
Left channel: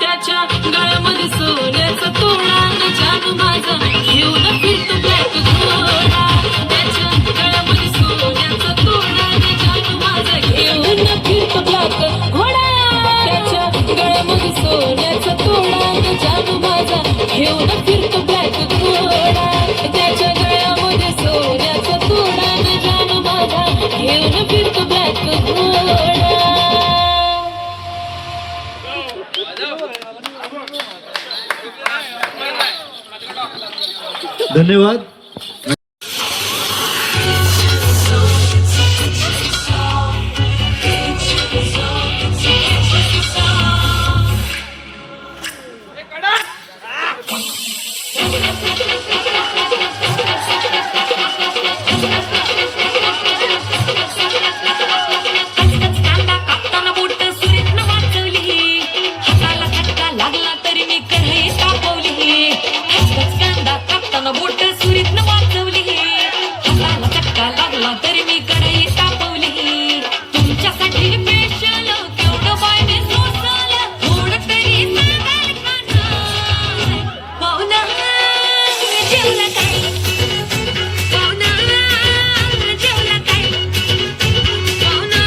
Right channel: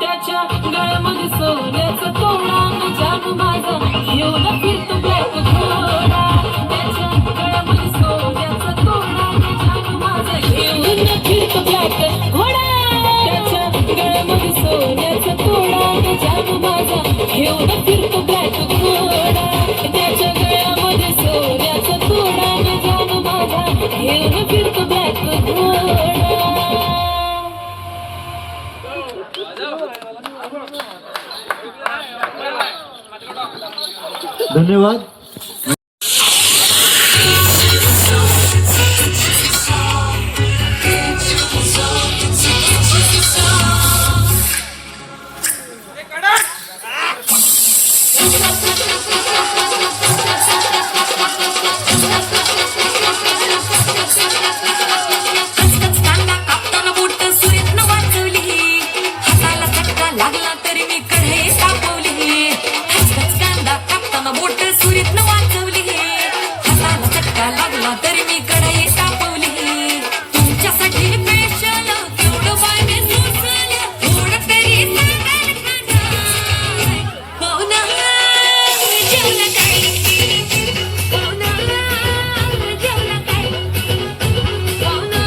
त्याच्या गळ्यामध्ये सोन्याचा तोडा न जानू माझा घेऊन फिरतो ब्लॅक घोडा त्याच्या गळ्यामध्ये सोन्याचा तोडा न जानू माझा घेऊन फिरतो ब्लॅक घोडा त्याच्या गळ्यामध्ये सोन्याचा तोडा न जानू माझा घेऊन फिरतो ब्लॅक घोडा त्याच्या गळ्यामध्ये सोन्याचा तोडा न जानू माझा घेऊन फिरतो ब्लॅक घोडा धन्यवाद. कांदा कापताना बोट सुरीतनं वाचवली हाताला चटका लागला तरी मी कढई तापवली कांदा कापताना बोट सुरीतनं वाचवली हाताला चटका लागला तरी मी कढई तापवली तुमच्यासाठी स्पेशल केवढं पाणी सोसलं थोडं तरी सांगाल खाणार पाहुणा जेवण काय पाहुणा जेवण काय पाहुणा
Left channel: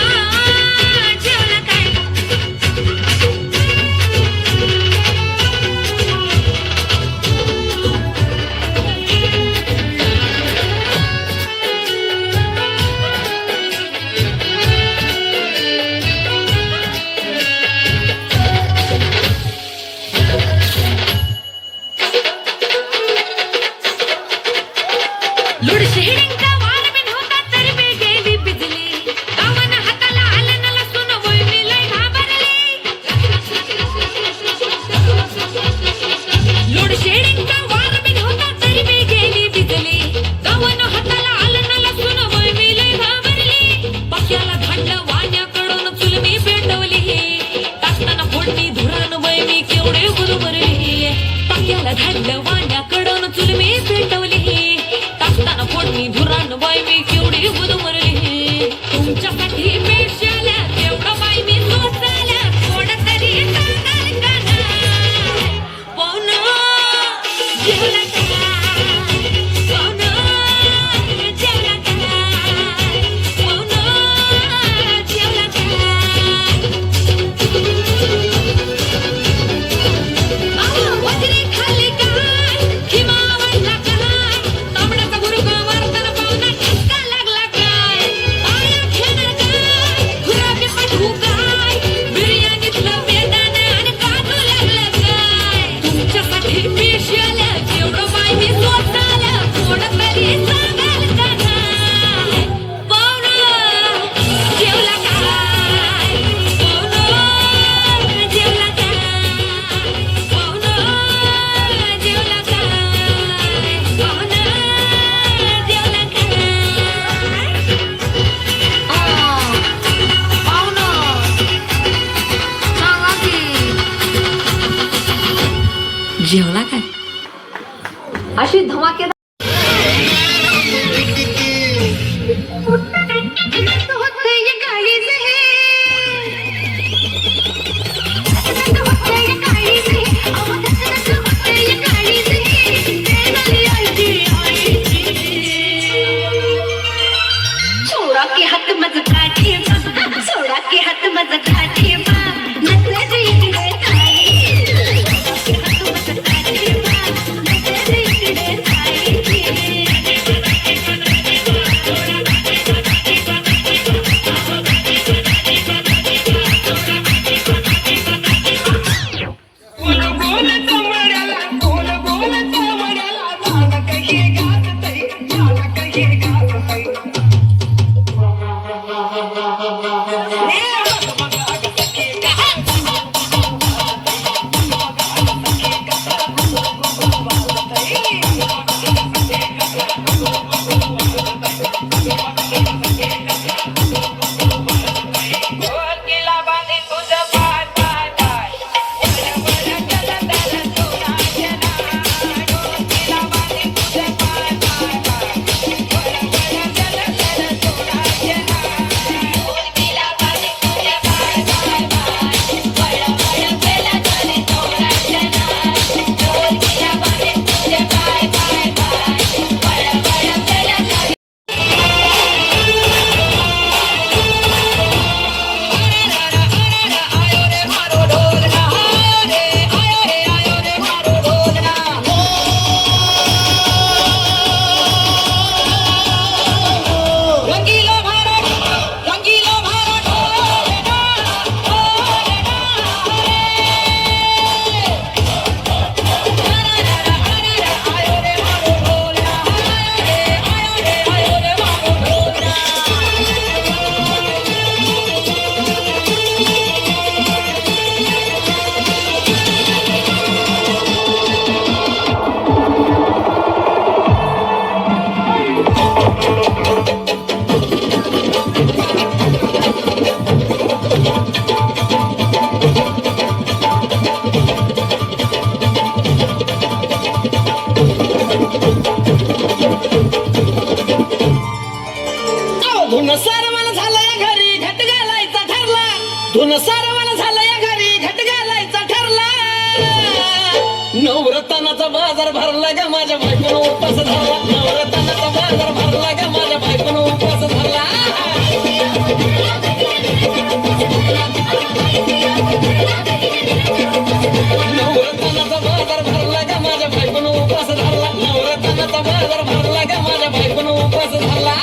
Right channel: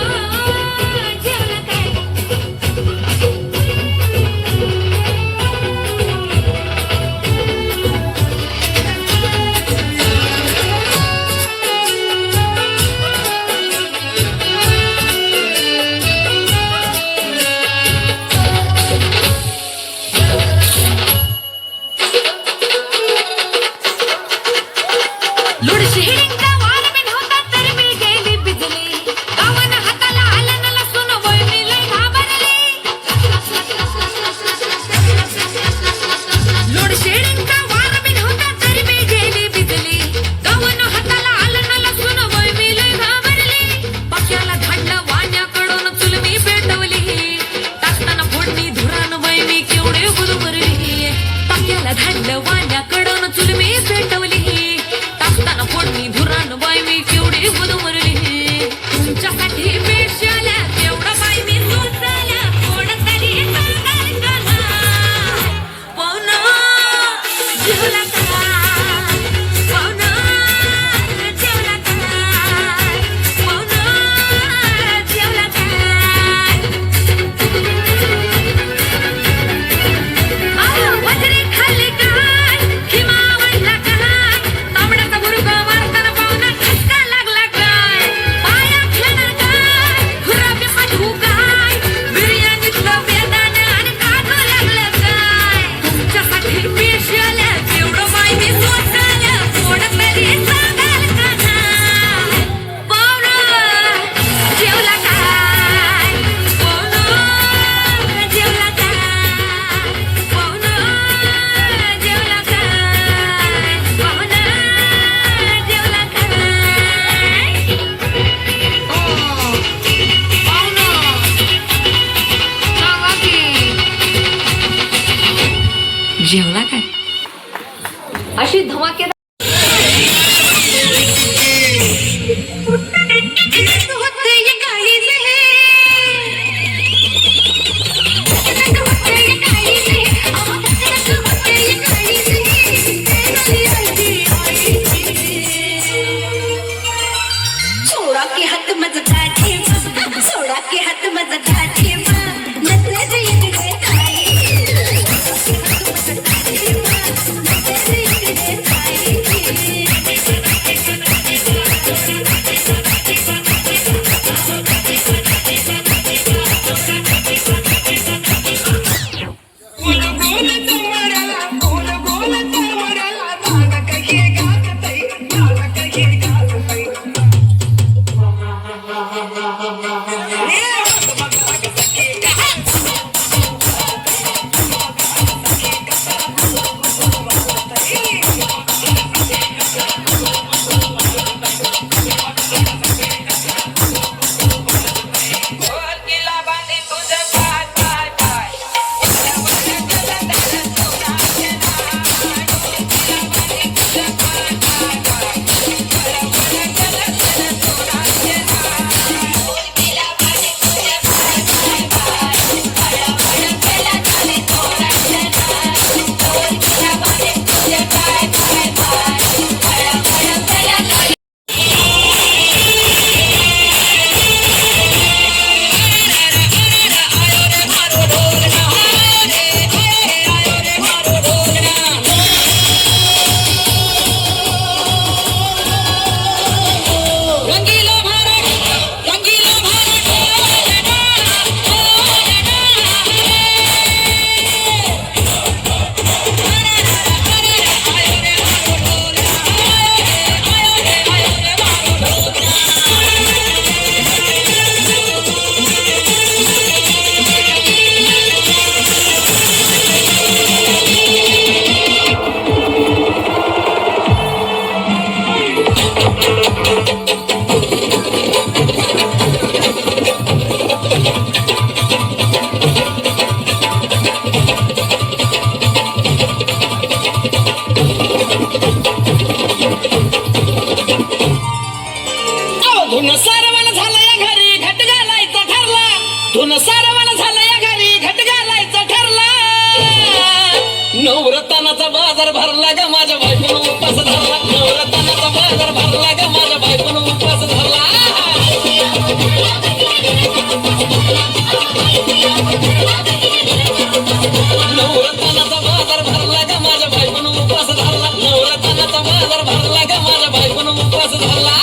तू काय बिर्याणीतलं बेदाणे आणि काढू लागलं काय तुमच्यासाठी स्पेशल जेवढं माहिती स्वतःला कोण तरी सांगाल का नाही पाहुणं जेवला काय पाहुणं जेवला काय पाहुणं जेवला काय पाहुणं जेवला काय जेवला काय अशी धमाकेदार सोडा के हात मज काठी सोडा के हात मज काठी नसल्याचे इकडे धुन सारवण झालंय घरी घट घालायचा ठरला धुन सारवण झालंय घरी घट घालायचा ठरला नवरत्नाचा बाजार भरला ग माझ्या बायकोनं उपास धरला नवरत्नाचा बाजार भरला ग माझ्या बायकोनं उपास धरला नवरत्नाचा बाजार भरला ग माझ्या बायकोनं उपास धरला नवरत्नाचा बाजार भरला ग माझ्या बायकोनं उपास धरला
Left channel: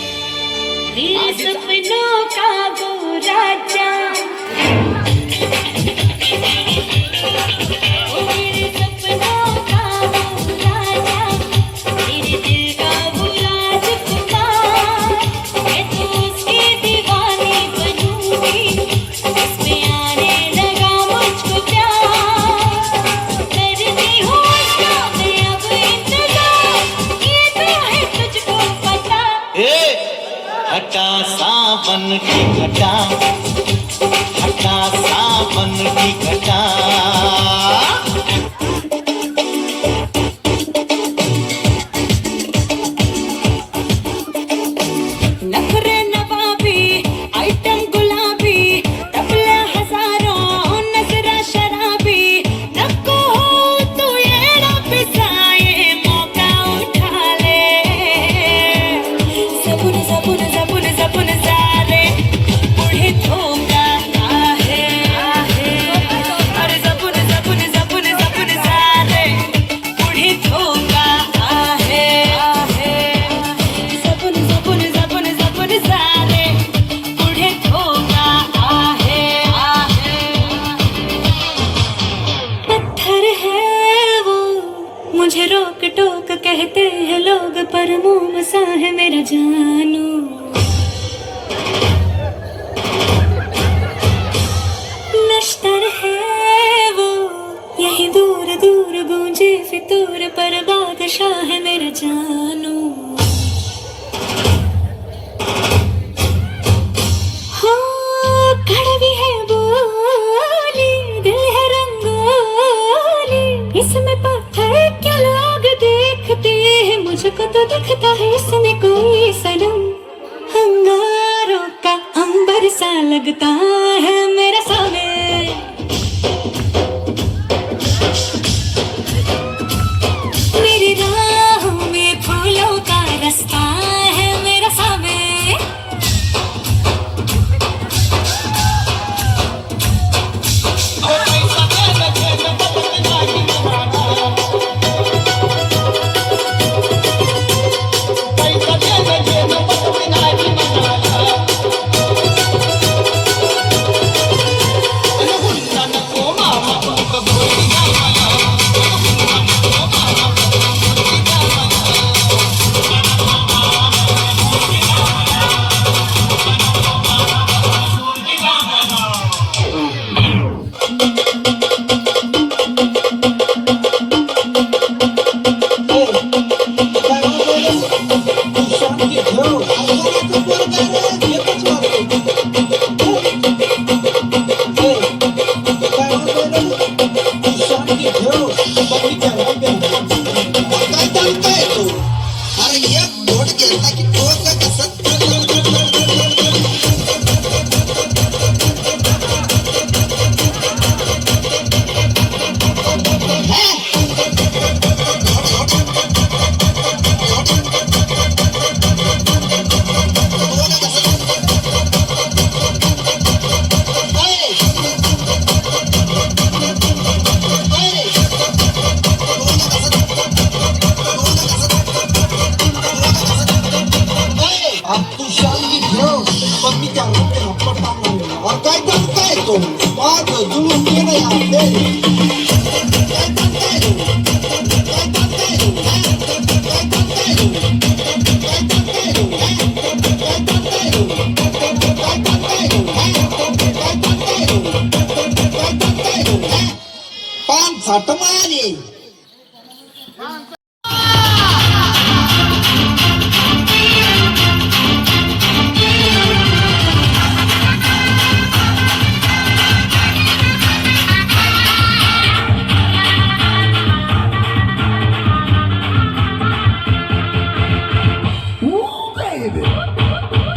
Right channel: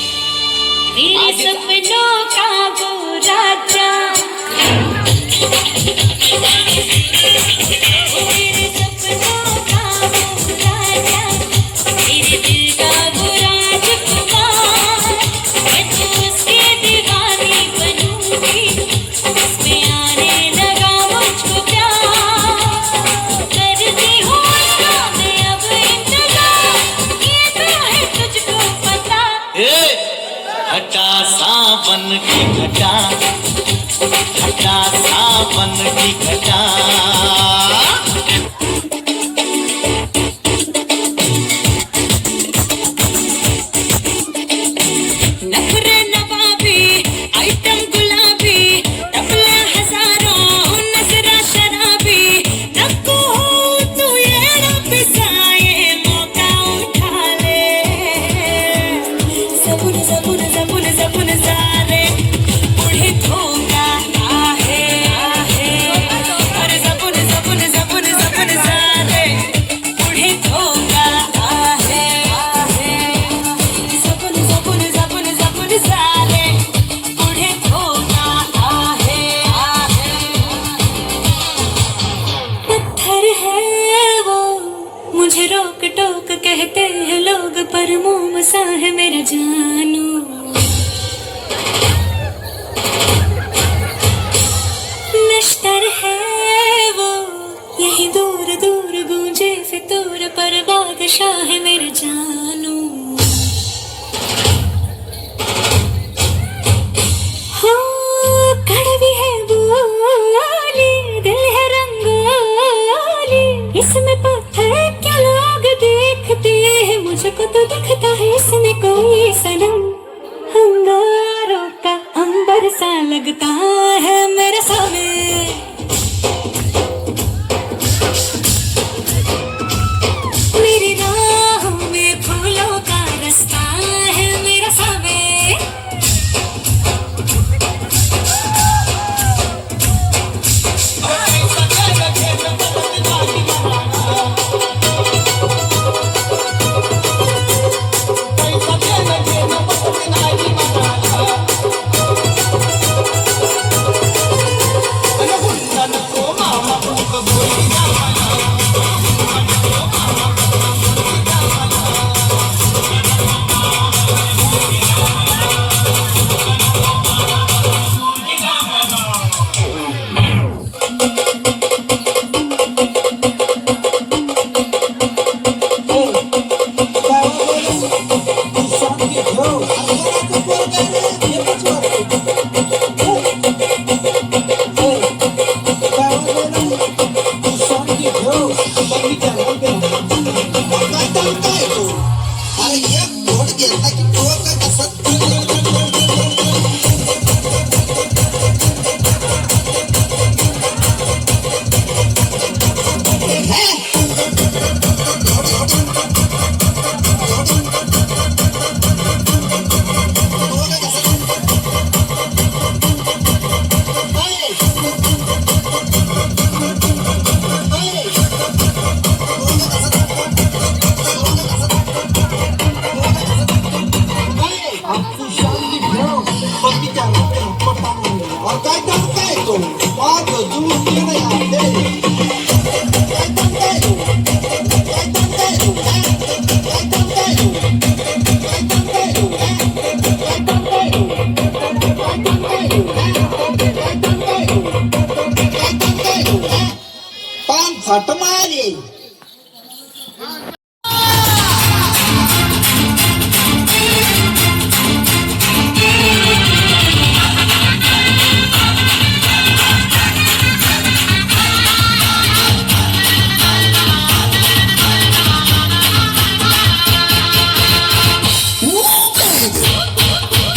मेरे सपनों का वो राजा मेरे सपनों का वो राजा मेरे दिल का वो राजकुमार मैं तो उसके दीवानी बनूंगी उसमें आने लगा मुझको प्यार करती हूँ उसका मैं अब इंतजार ये तो है तुझको पता हटा सावन के और मोम सा है मेरा जानू, नश्तर है वो यही दूर दूर गूंजे फितूर पर बादशाह है मेरा जानू। हो कड़वी है बोली, दिल है रंगोली, इसमें पत्थर क्या लोग देखते हैं, मुझको तो दिखता है इसमें कोई सनम। अंगारों का अंबर सा लगता है मेरे सामने, मेरी राहों में फूलों का रास्ता है मेरे सामने।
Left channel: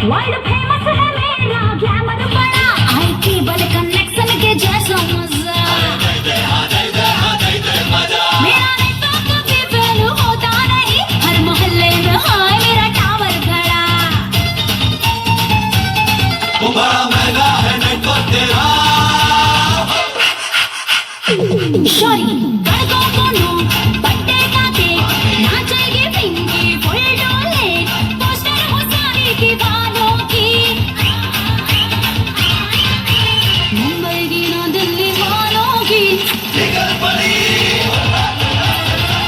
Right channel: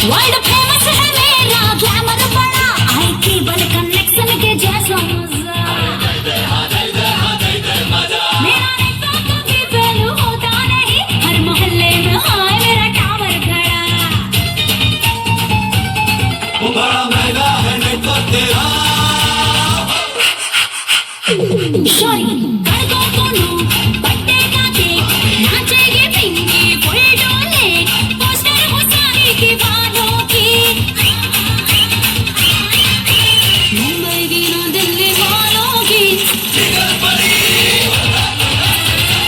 वर्ल्ड फेमस है मेरा ग्लैमर बड़ा, आई केबल कनेक्शन के जैसा मजा, मेरा नेटवर्क कभी फेल होता नहीं, हर मोहल्ले में है मेरा टावर गया। वो बड़ा महंगा है नेटवर्क तेरा, शोरी कर दो दोनों बट्टे का केक, नाचेगी पिंकी फुल डोले, पोस्टर हो सारे दीवानों की, मुंबई की ना दिल्ली वालों की,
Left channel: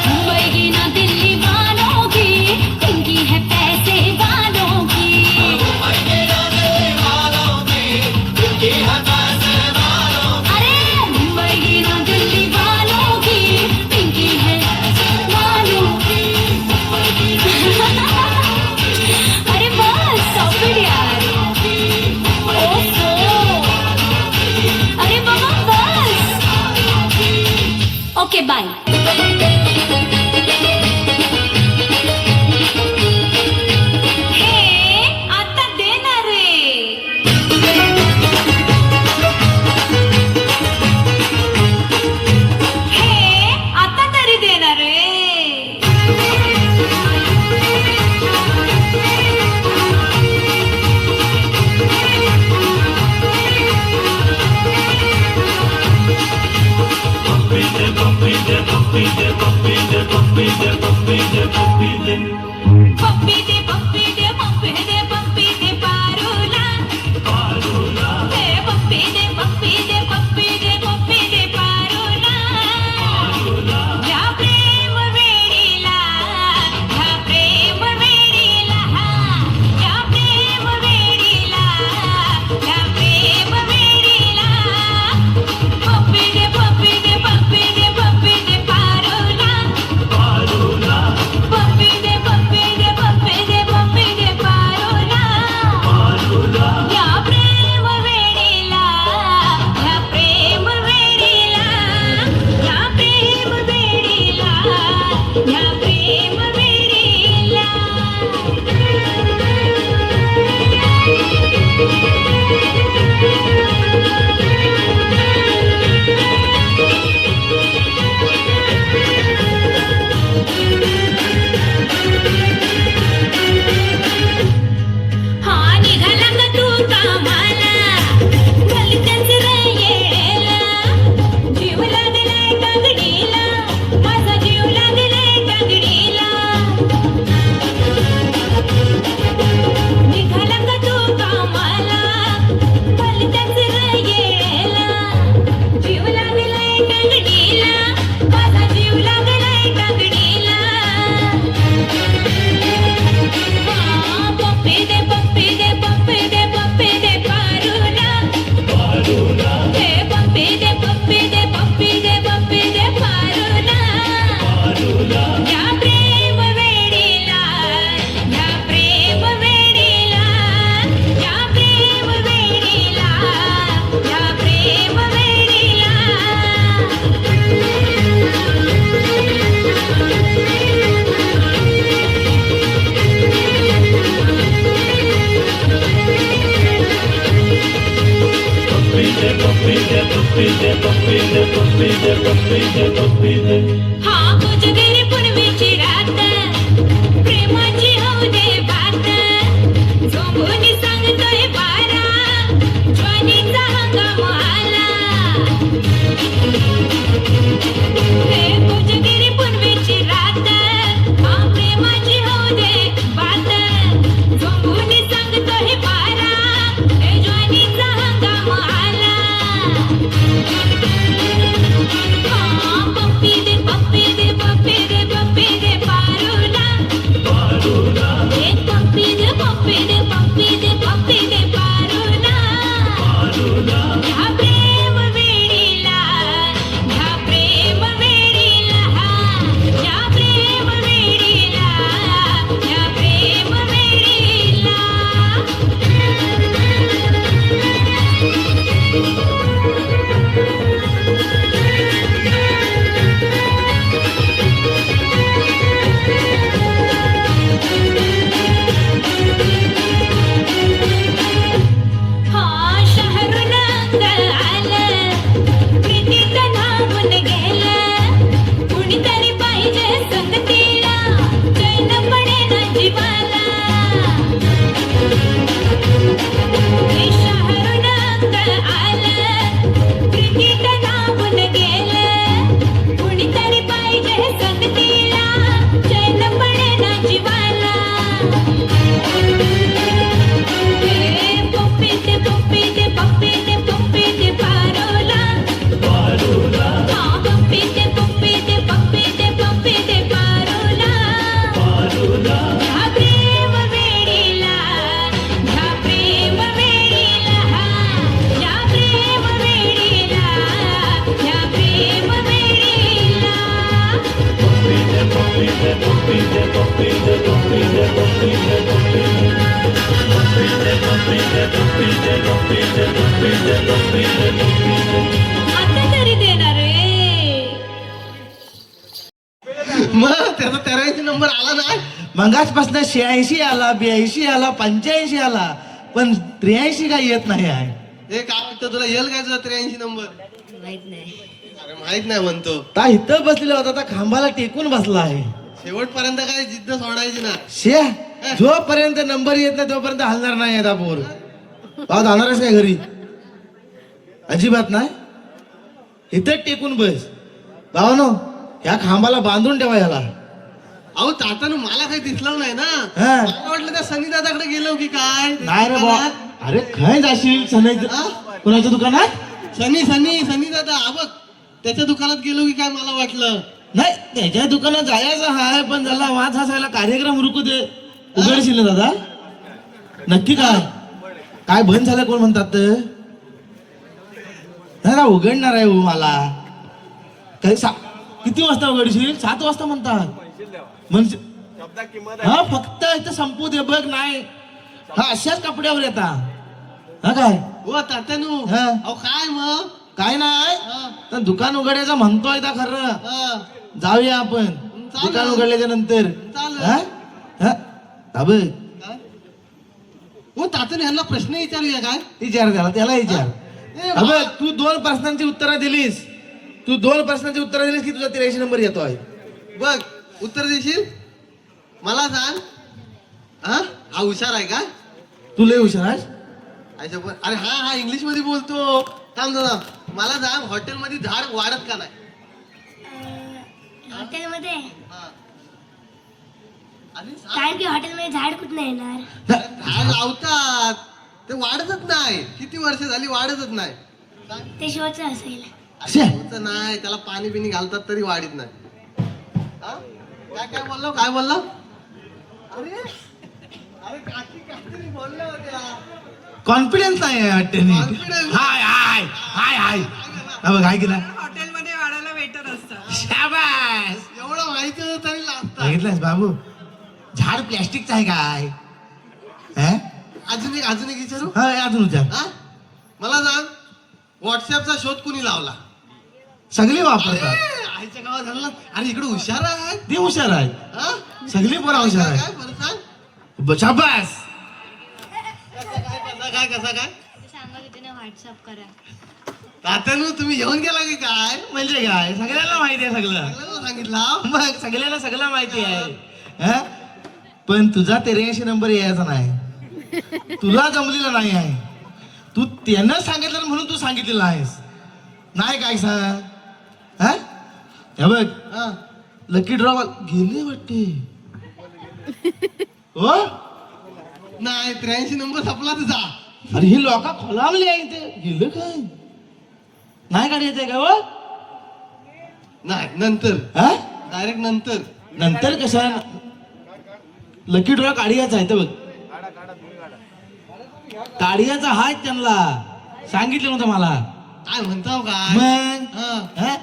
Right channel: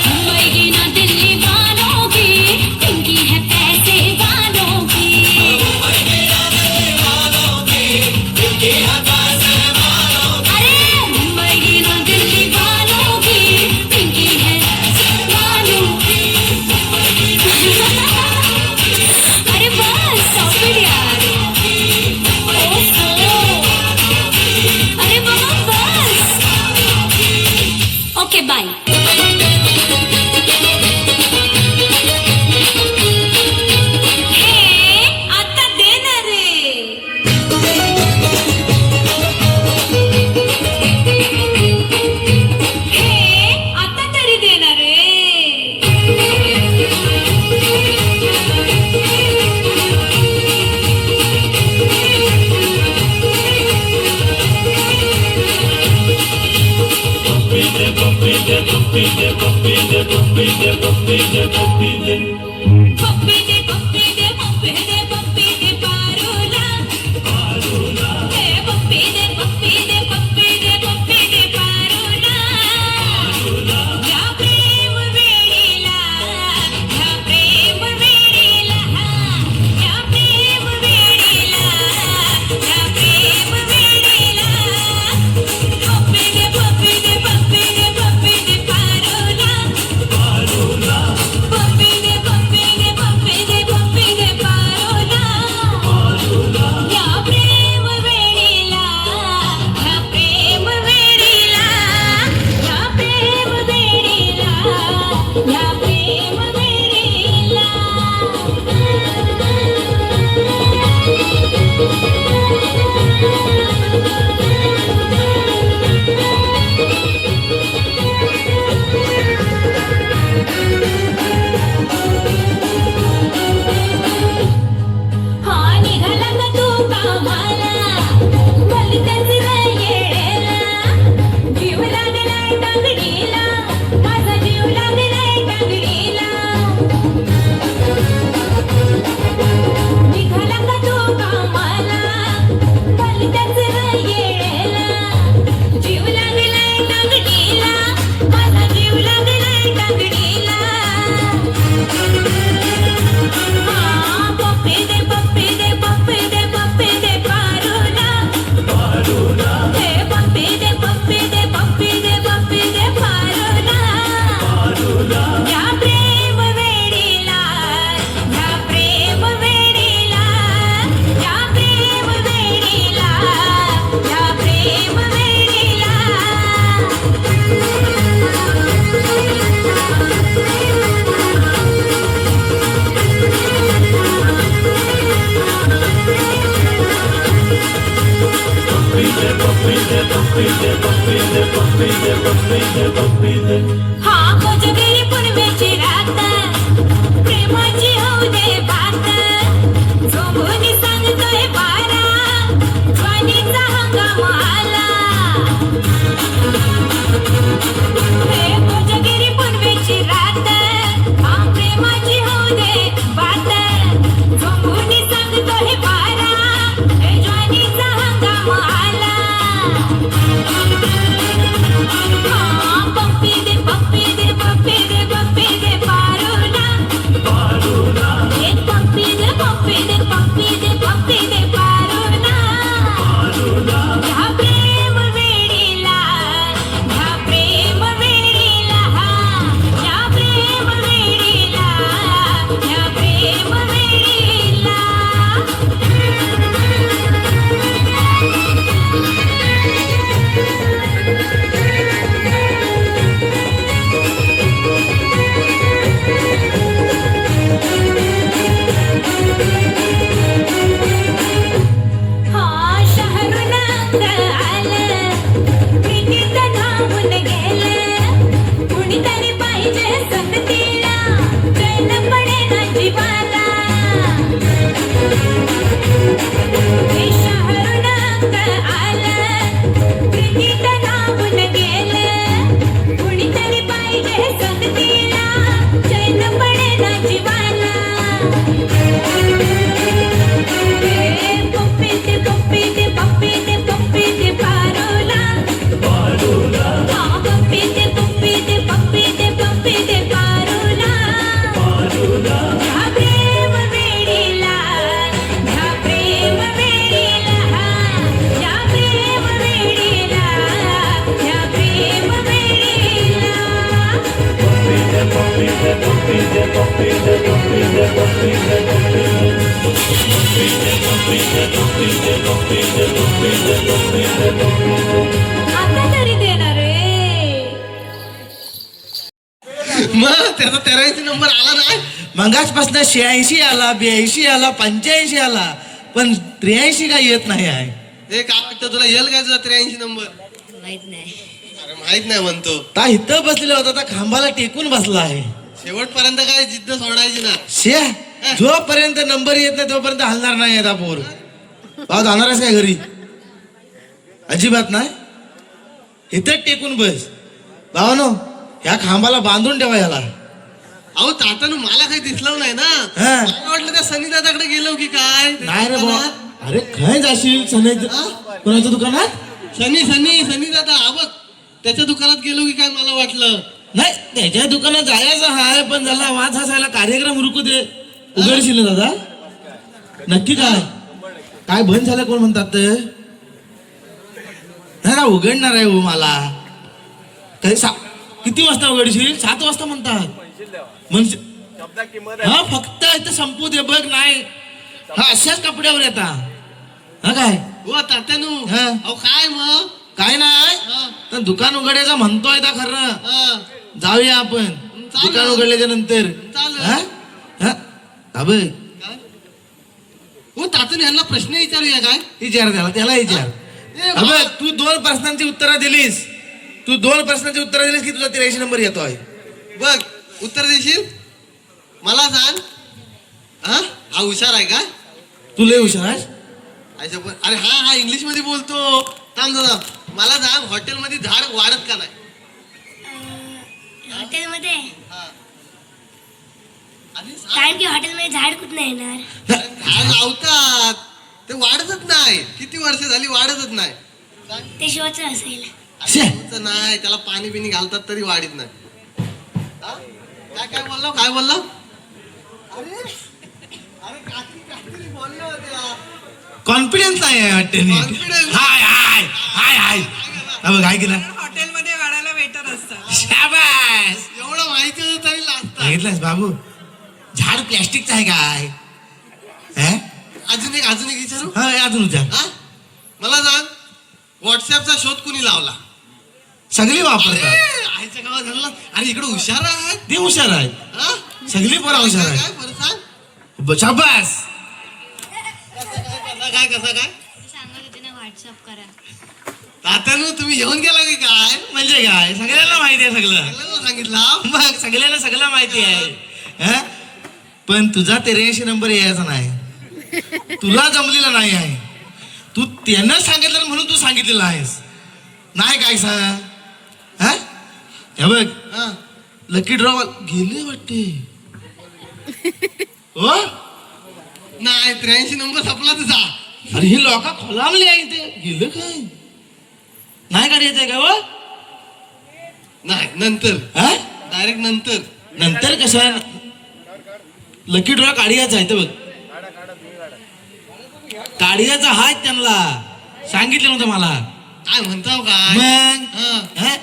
मुंबई की ना दिल्ली वालों की, पिंकी है पैसे वालों की, अरे मुंबई की ना दिल्ली वालों की, पिंकी है वालों की। अरे बस stop it यार, ओफो, अरे बाबा बस, ओके बाय। हे आता देणार रे, हे आता तरी देणार रे। पप्पी दे पप्पी दे पप्पी दे पप्पी दे पारोला, हे पप्पी दे पप्पी दे पप्पी दे पप्पी दे पारोला, या प्रेम वेळीला, या प्रेम पप्पी दे पप्पी दे पप्पी दे पप्पी दे पारुला हे पप्पी दे पप्पी दे पप्पी दे पप्पी दे पारुला या प्रेम वेडीला या प्रेम वेडीला या प्रेम वेडीला या प्रेम वेडीला हा कोजगिरी पुनवेची रात प्रेमाची होऊ दे बात झोंबूनी सांगतोय बारा ज्वानीचा हंगाम आला हे कोजगिरी पुनवेची रात हा प्रेमाची होऊ दे बात झोंबूनी सांगतोय बारा हे ज्वानीचा हंगाम आला पप्पी दे पप्पी दे पप्पी दे पप्पी दे पारुला हे पप्पी दे पप्पी दे पप्पी दे पप्पी दे पारुला ह्या प्रेम वेडीला ह्या प्रेम वेडीला ह्या प्रेम वेडीला ह्या प्रेम वेडीला हा शहरून आलं प्रीतीचं नावून गेलं कुणीतरी पाहिजे संगतीला चैन पडेना जीवाला हे शहरून आलं प्रीतीचं नावून गेलं कुणीतरी पाहिजे संगतीला चैन पडेना जीवाला पप्पी दे पप्पी दे पप्पी दे पप्पी दे पारुला पप्पी दे पप्पी दे पप्पी दे पप्पी दे पारुला ह्या प्रेम वेडीला ह्या प्रेम वेडीला ह्या प्रेम वेडीला ह्या प्रेम वेडीला आता तरी देणार रे मग त्याचा 83 नंबर आला नाही. मंगासपासून 86 आला 82 आला 85 आला पण 83 काय येत नाही आहे. हे काय वाटतं तुला येईल काय तुझा 83 नंबर? माहित नाही अरे माहित नाही म्हणतो. ता इथं बसलेला होता त्या खांबाला टेकून बसला आहे. शेवटपर्यंत काय जिद्द सोडायची ना. शे जोपर्यंत नंबर येत नाही तोपर्यंत हलणार नाही आहे पोर. भाऊ जाणार आहेस काय घरी? अजिबात नाही. इथं टेकून बस भावानो. ह्या खांबाला बांधून ठेवा याला. अहो तातानं मला काही दिसलं नाही ना. हा. मला वाटलं त्या सनी दादाकडे गेलो की काय. नाही रे बा. अरे काय जाशील कोणाच्या दुकानात? सनी दादा हा बघ त्याच्या दुकानात गेलो की काय मला वाटलं. नाही त्याच्या दुकानात जायचं हाय पण झाला वाद हसायला कार्यक्रम रुकू दे. उघडशील ना दादा? नक्की काय काय बंद झालं कोण म्हणतात? नाही ना उघडणार आहे हो मला. काही किती वाजता उघडशील? 7 वाजता म्हणतात. म्हणजे हा फक्त इथं संपू दे बघ. नाही हा अशाच कपड्यावर येता हा काय हो तात्यानू. हा. अहो काय मग काय नाही हा. तर दुकान उघडायचं म्हणतोय का खरं? हा. जाऊया आपण चालेल. दुकान उघडल्याच्या नंतर. चालेल. हा? हा? का बघ काय? हो तात्याने यांना प्रश्न विचारूया काय? विचार त्याला विचार. ए, अबे तू 2 प्रश्नांची उत्तरं दिलीस. तू 2 प्रश्नांची उत्तरं दिलीस की तुझा 83 नंबर येतोय. बघ उत्तर देशील मला सांग. हा हुशार आहे का? तू लय हुशार आहेस. अरे हा इंग्लिश मध्ये बोलतो. थांब जरा. मला सांग हॉटेलमध्ये झाड वाढत का नाही? हॉटेलमध्ये हा. आणि सांग. कारण की हॉटेलमध्ये झाड कुठं येणार. झाड लावतात ते वाढतच नाही. किती वर्ष झाली वाढतच नाही. सांग. ते शिवाचं असेल. शे. असं नाही त्याला पाणी बिनी घालतात तरी वाढत नाही. हा? काय बोललो? अरे अरे काहीतरी बोलल्या होत्या. कॉन्फिडन्स आहे वाटते नी. Confidence. हाय हाय हाय हाय हा बघ काय केलं हॉटेलमध्ये वाढायला वेटर असतात. शाबास एवढं माहिती होतं तरी लागतं. बघितलंस बाबू झाड प्लॅस्टिकचं आहे काय हा? अजून एक विचारू. हा अजून विचार हा? मला सांग व्हॉट्सअपचा शोध कुणी लावला? सगळी वापरतात आईच्या गावात झालं. अरे इकडे हुशार आहे. ती हुशार आहेत हा? सगळी पोरं हुशार काय आहेत बरं सांग. शाबास कसा काय सांगत होते ना व्हॉट्सअप करा. तात्यानं तुम्ही येऊन गेला की काय? म्हणजे काय सगळ्यांना माहिती आहे सगळं सगळ्यांना सांगितलं. मग सगळ्यांना सगळं माहिती आहे हा? पण तुझा 83 नंबर यायचा नाही तुला जमलेला नाही आहे तू त्यानं सांगितलं म्हणून तू सांगितलेलं आहेस नाही काय सांग हा हे बघ हा. लकी ड्रॉ गेले वाटते हो नाही 83 नंबर संपला तुझा. अरे हे लोक खोलावले आहे ते गेलं काय नाही गाडी येते का हो नाही नंतर हा डायरेक्ट नंतर. नंतर कसं लकी ड्रॉ काढियाचा आहे तर बघ काढियाचा हाय त्यांना सांगितलं नव्हतं मला काय म्हणताव काय? मग हा. हा?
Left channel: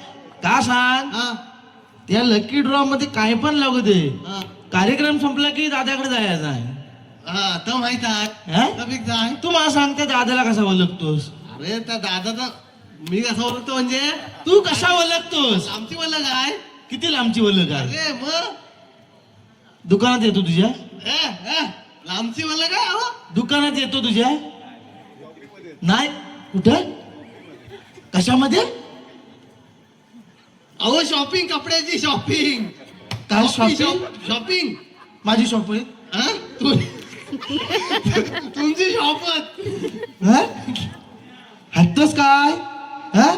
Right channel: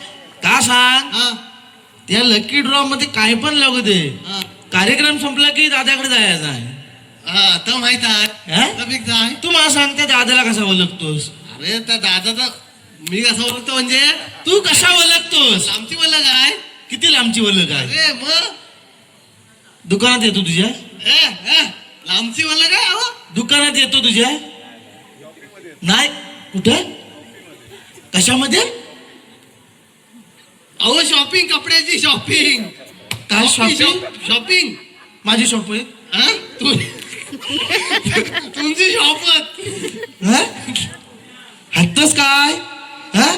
का सांग हा. त्या लकी ड्रॉ मध्ये काय पण लागू दे हा. कार्यक्रम संपला की दादाकडे जायचा आहे हा तर माहित आहे. हा? तर मी काय तू मला सांग त्या दादाला कसा ओळखतोस अरे त्या दादाचा मी कसं ओळखतो म्हणजे तू कशा ओळखतोस आमची मला काय किती लांबची ओळख आहे अरे मग दुकानात येतो तुझ्या लांबची मला काय अहो दुकानात येतो तुझ्या नाही कुठं कशामध्ये अहो शॉपिंग कपड्याची शॉपिंग. काय शॉपिंग शॉपिंग माझी शॉपिंग तुमची शॉपत. हत्तस काय हा?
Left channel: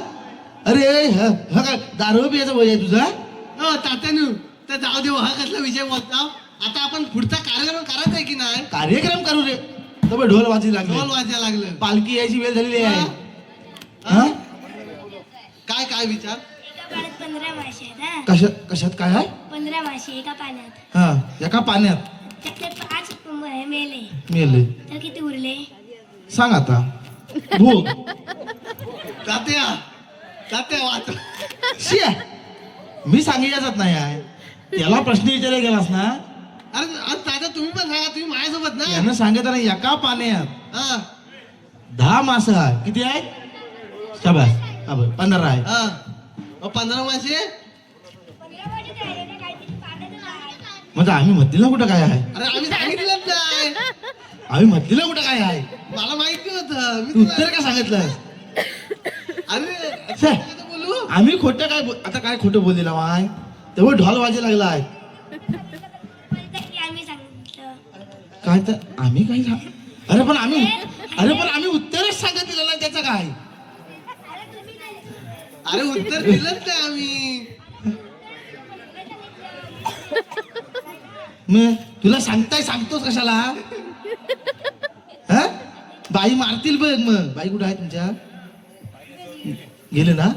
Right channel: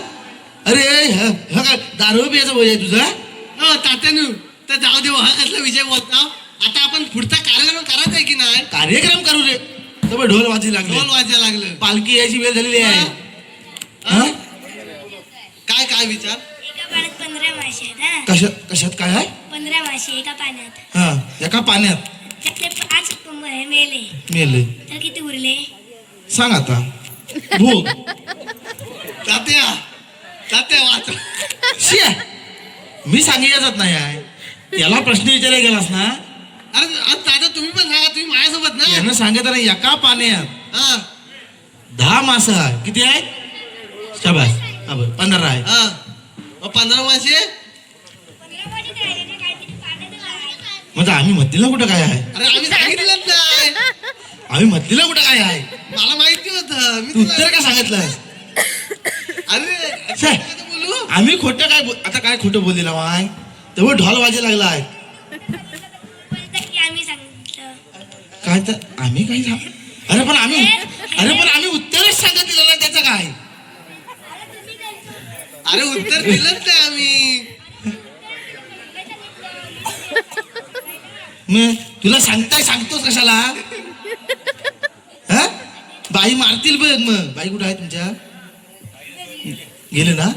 अरे हा काय दारू पियाचा वय आहे तुझा तात्यानू तर जाऊ देऊ. हा कसला विषय बोलता. आता आपण पुढचा कार्यक्रम करायचा आहे की नाही? कार्यक्रम करू रे तर ढोल वाजी लागले ढोल वाजायला लागलं. पालखी यायची वेळ झालेली आहे हा? काय काय विचार? एका पाण्यात 15 मासे आहेत हा. कशात काय आहे 15 मासे एका पाण्यात. हा एका पाण्यात त्यातले 5 मेले मेले तर किती उरले? सांग आता भूक तात्या तात्या वाच. शिया मी सांगितलं जात नाही आहे त्याला प्रश्न विचारला गेलास ना अरे तात्या तुम्ही पण सांगा. तुम्ही माझ्यासोबत ना. यानं सांगितलं ना एका पाण्यात हा 10 मासा किती आहेत शाबास हा बरं 15 आहे हा 15 मासे. 15 मासे राहिले ना, काय किती पाण्यातच आहे. म्हणजे आम्ही मधलीला कुठं काय आहे अरे आम्ही सांगितलंच नाही. आम्ही मधलीला कुठं काय आहे मला माहिती होतं. मी तू तुला- उत्तर का सांगितलं अरे सर, कसं बोलू. आम्ही खोटं काय आता काय खोटं बोललेला वाय तेव्हा ढोल वाजायला लागला आहे बोलतात की आम्ही सांगितलं. काय तर आम्ही काय अरे पण आम्ही उत्तरच सांगत दिलं नाही त्याचं काय अरे उत्तर दिलंच नाही आम्ही. मग तुला सांगतोस कशाला हा बाई मारतील बघ मग बाई कुठं आहे तुमच्या गेले ना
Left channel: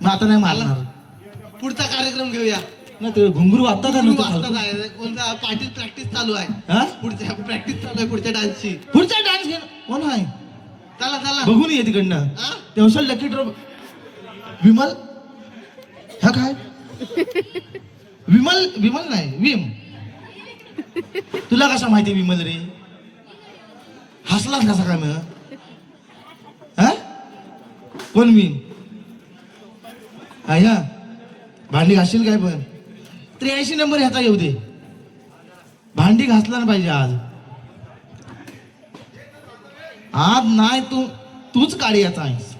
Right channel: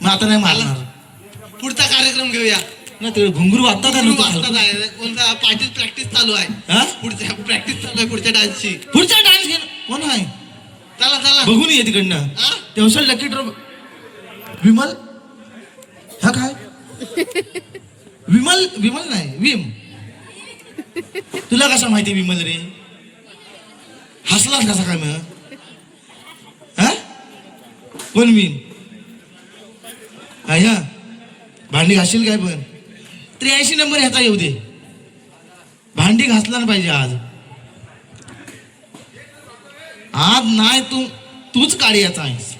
मग आता नाही मारणार पुढचा कार्यक्रम घेऊया. ना ते घुंगरू वाजता का वाजतात आहे. कोणता पार्टी प्रॅक्टिस चालू आहे. हा पुढच्या प्रॅक्टिस चालू आहे पुढच्या डान्सची. पुढचा डान्स घे कोण आहे चला चला. बघून ये तिकडनं हा? तेव्हा लकी ड्रॉ विमल हा काय विमल नाही विम तुला कसा माहिती विमल रे हसलाच कसा काय मग हा कोण विम ह्या भांडी घासशील काय पण 83 नंबर ह्याचा येऊ दे भांडी घासला ना पाहिजे आज नाही तूच काढायचा आहेस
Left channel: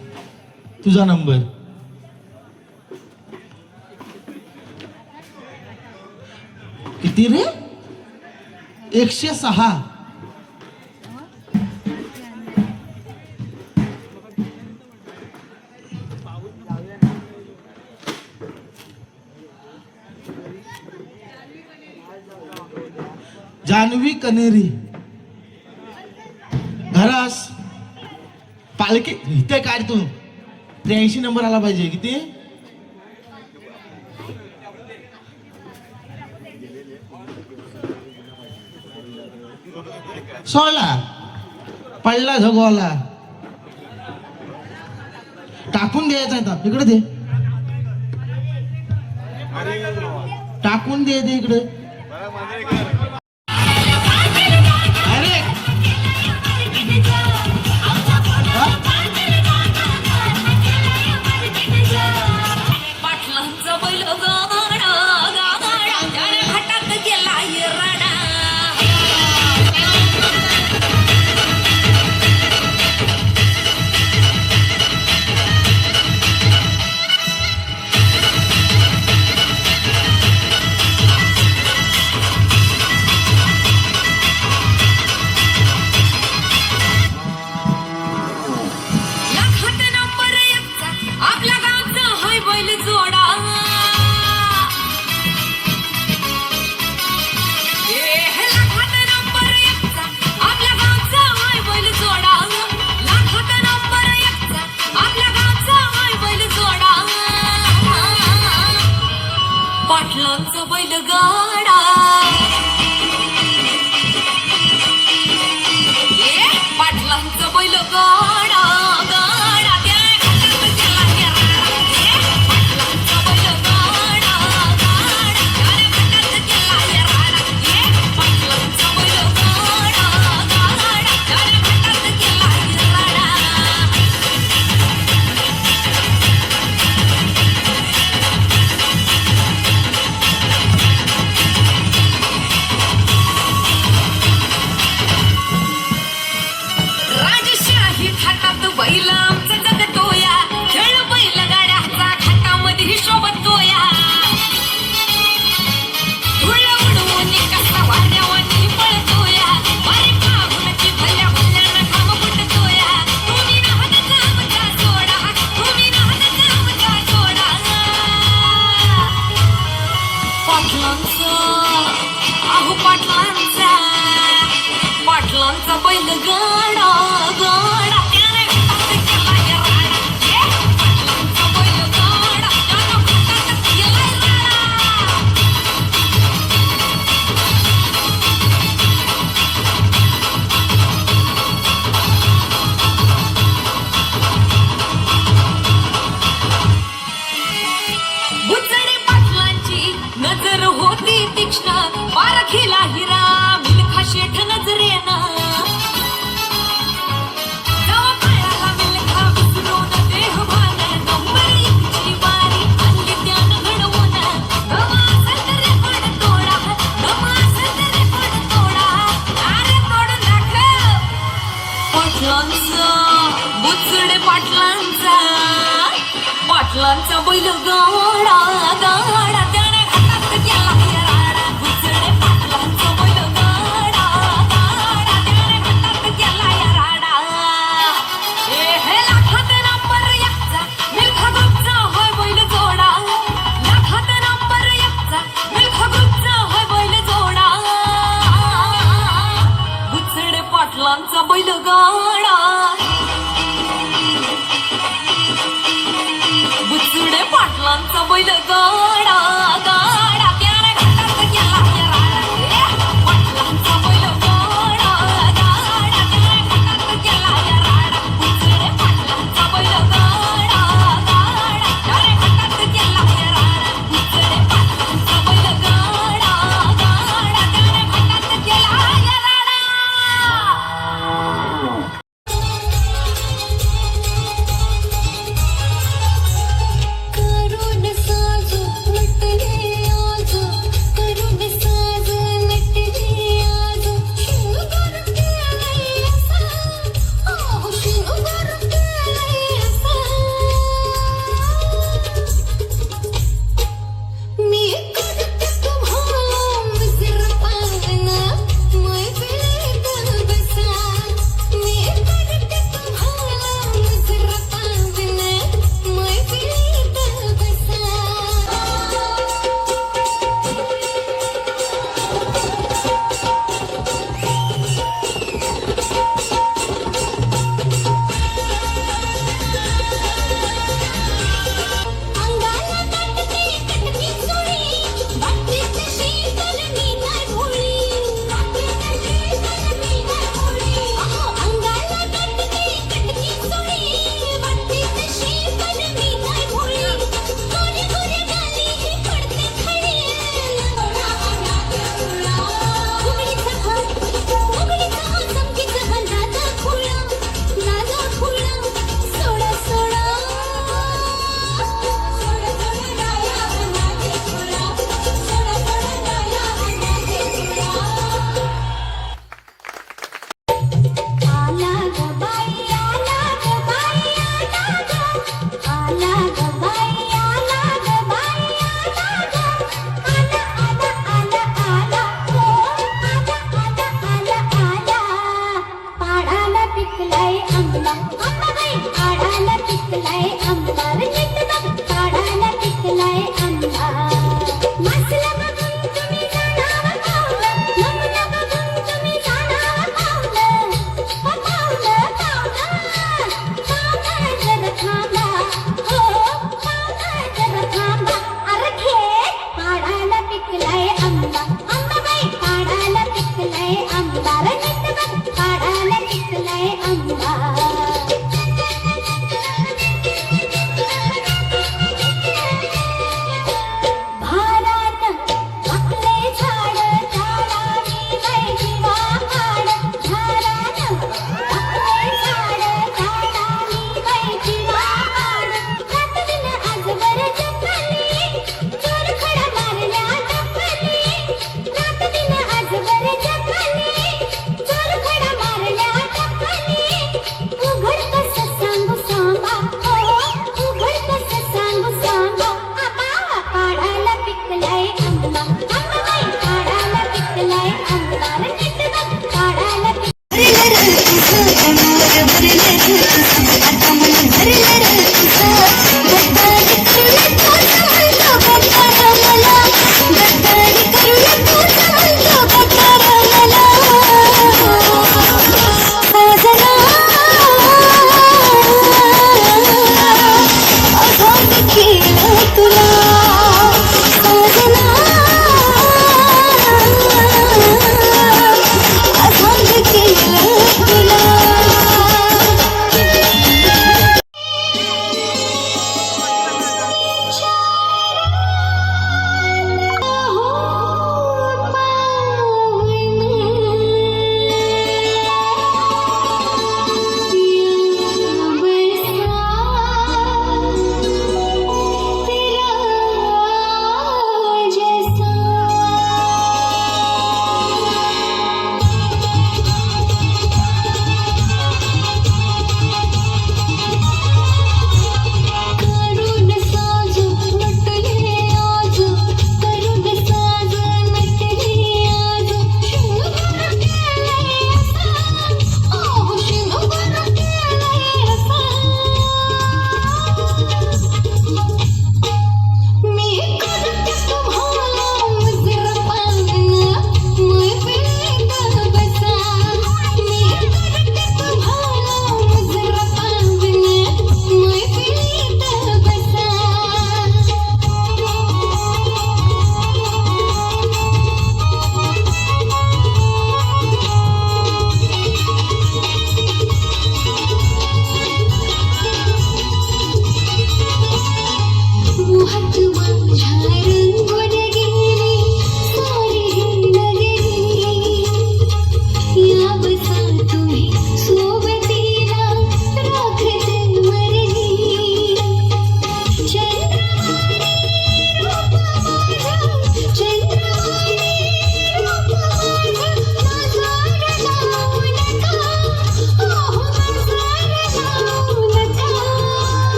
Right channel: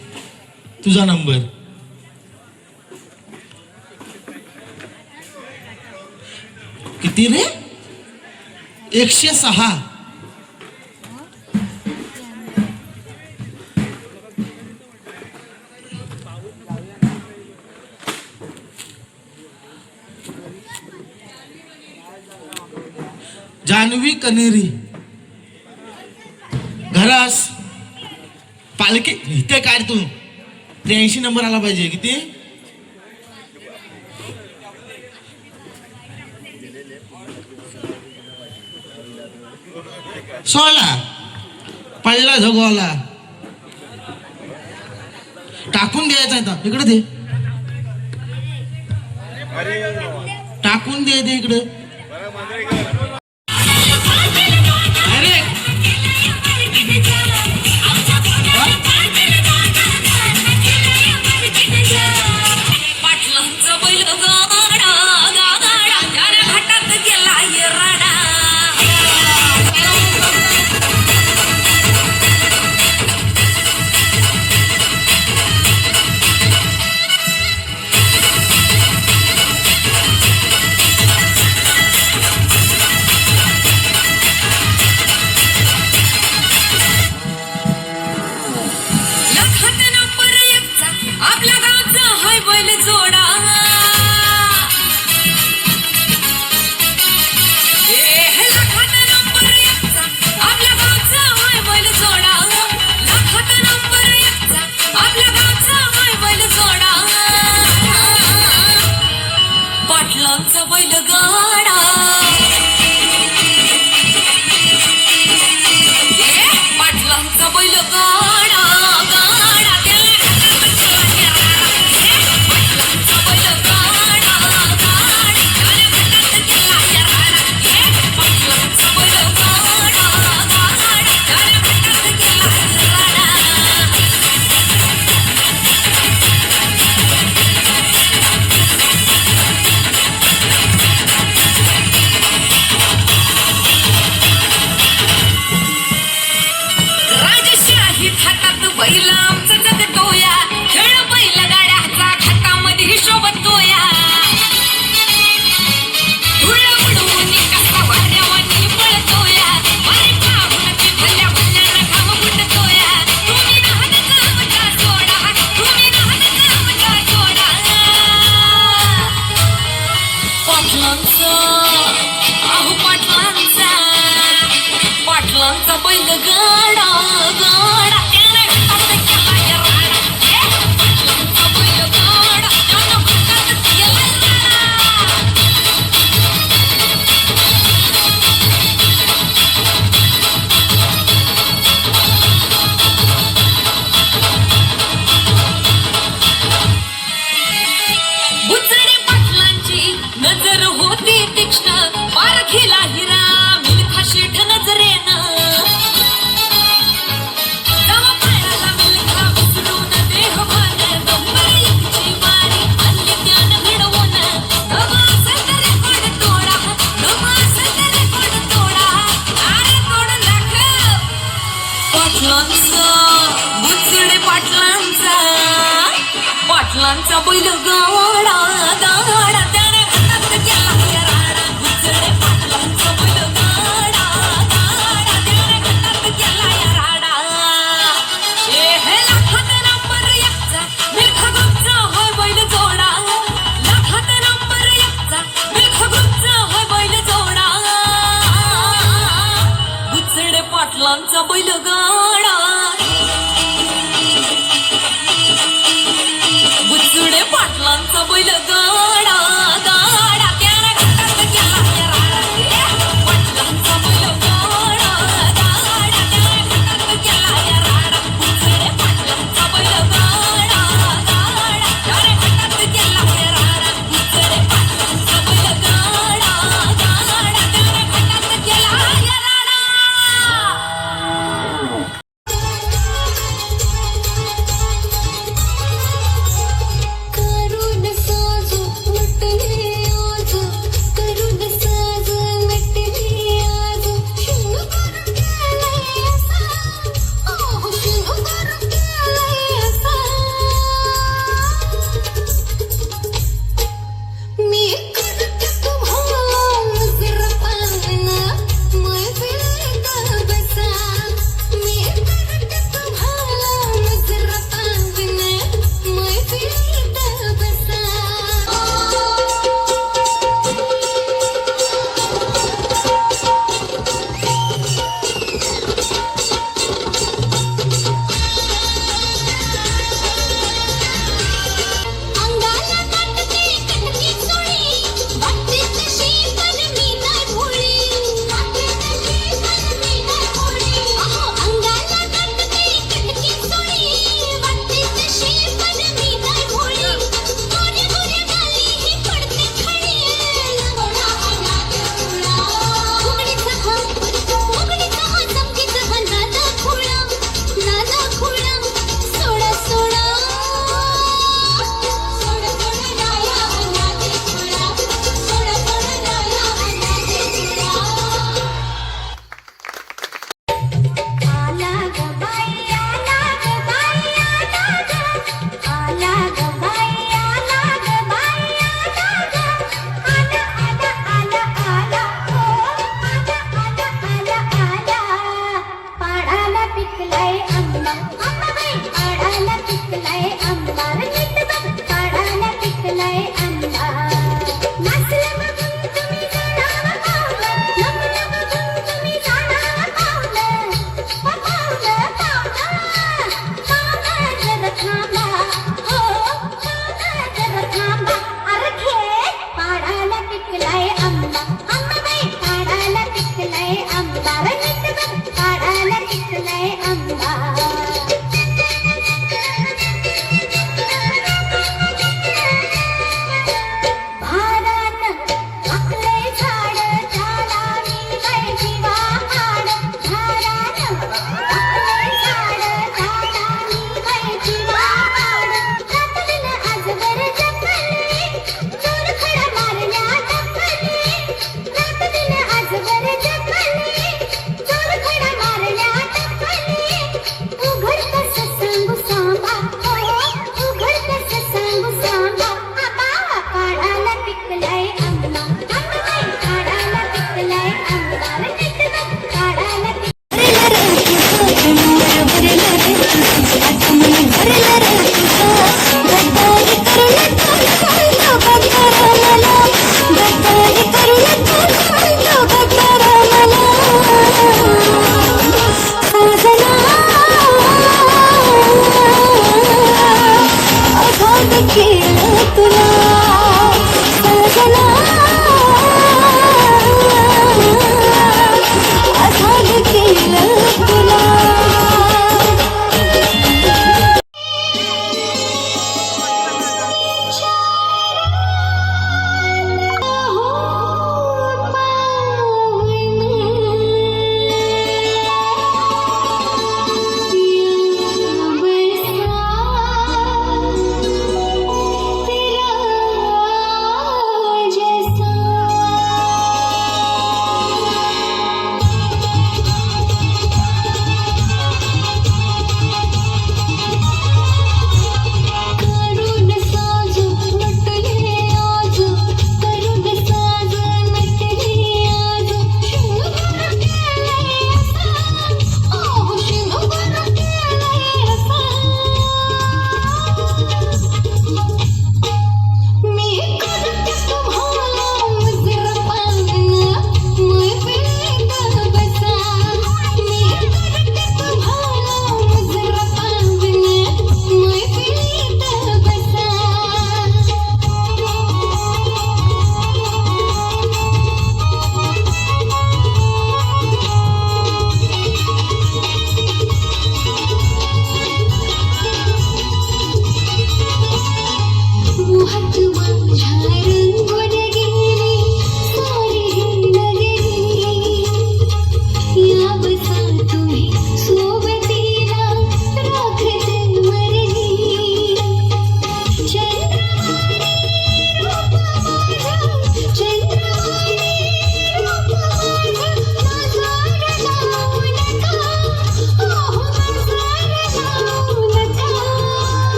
तुझा नंबर किती रे 106 जानवी कनेरी घरास पालखी इथे काढ तू 83 नंबर आला पाहिजे किती सोळा पहिला झोगवाला टाकून द्यायचा आहे आता. इकडे दे, टाकून दे इकडे. अरे पाटलांचा बैल गाडा गाडा गाड्या घाटात गेला राडा. लखात नंबर एकचा आपल्या गावचा हाय बैल जोडा. लखात नंबर एकचा आपल्या गावचा हाय बैल जोडा. लखात नंबर एकचा आपल्या गावचा हाय बैल जोडा. पाटलांचा बैल गाडा. पाटलांचा बैल गाडा गाडा पाटलांचा बैल गाडा पाटलांचा बैल राजशाही हातात बैल आमचे जगतोया. खेळ बैल गाड्याचा खातामध्ये हिशोब तोया. धुळ उडवून कसा वाड्यावानी पळतोया. वारी पाहुणाची भल्या भल्यानं घाम फुटतोया. तुम्ही नाहनचा मजा सोडा, तुम्ही नाहनचा मजा सोडा. पाटलांचा अहो पाटलांचा पाटलांचा बैल गाडा गाडा त्याने हातात केला राडा. पाटलांचा बैल गाडा त्याने हातात केला राडा. बुचडे पाटलांची नजर होती तीक्ष्ण. पारखीला हिरा मिल्खा शेठ नजरेनं. जवा पायाला मिल्खा उचलून देहभान गंभीर एकची वारी आणली त्यानं घडवून. गमा असेल तरी पड तोडा, गमा असेल तरी पड तोडा. अरे तोड दाखव पाटलांचा बुचडे पाटलांचा पाटलांचा बैल गावा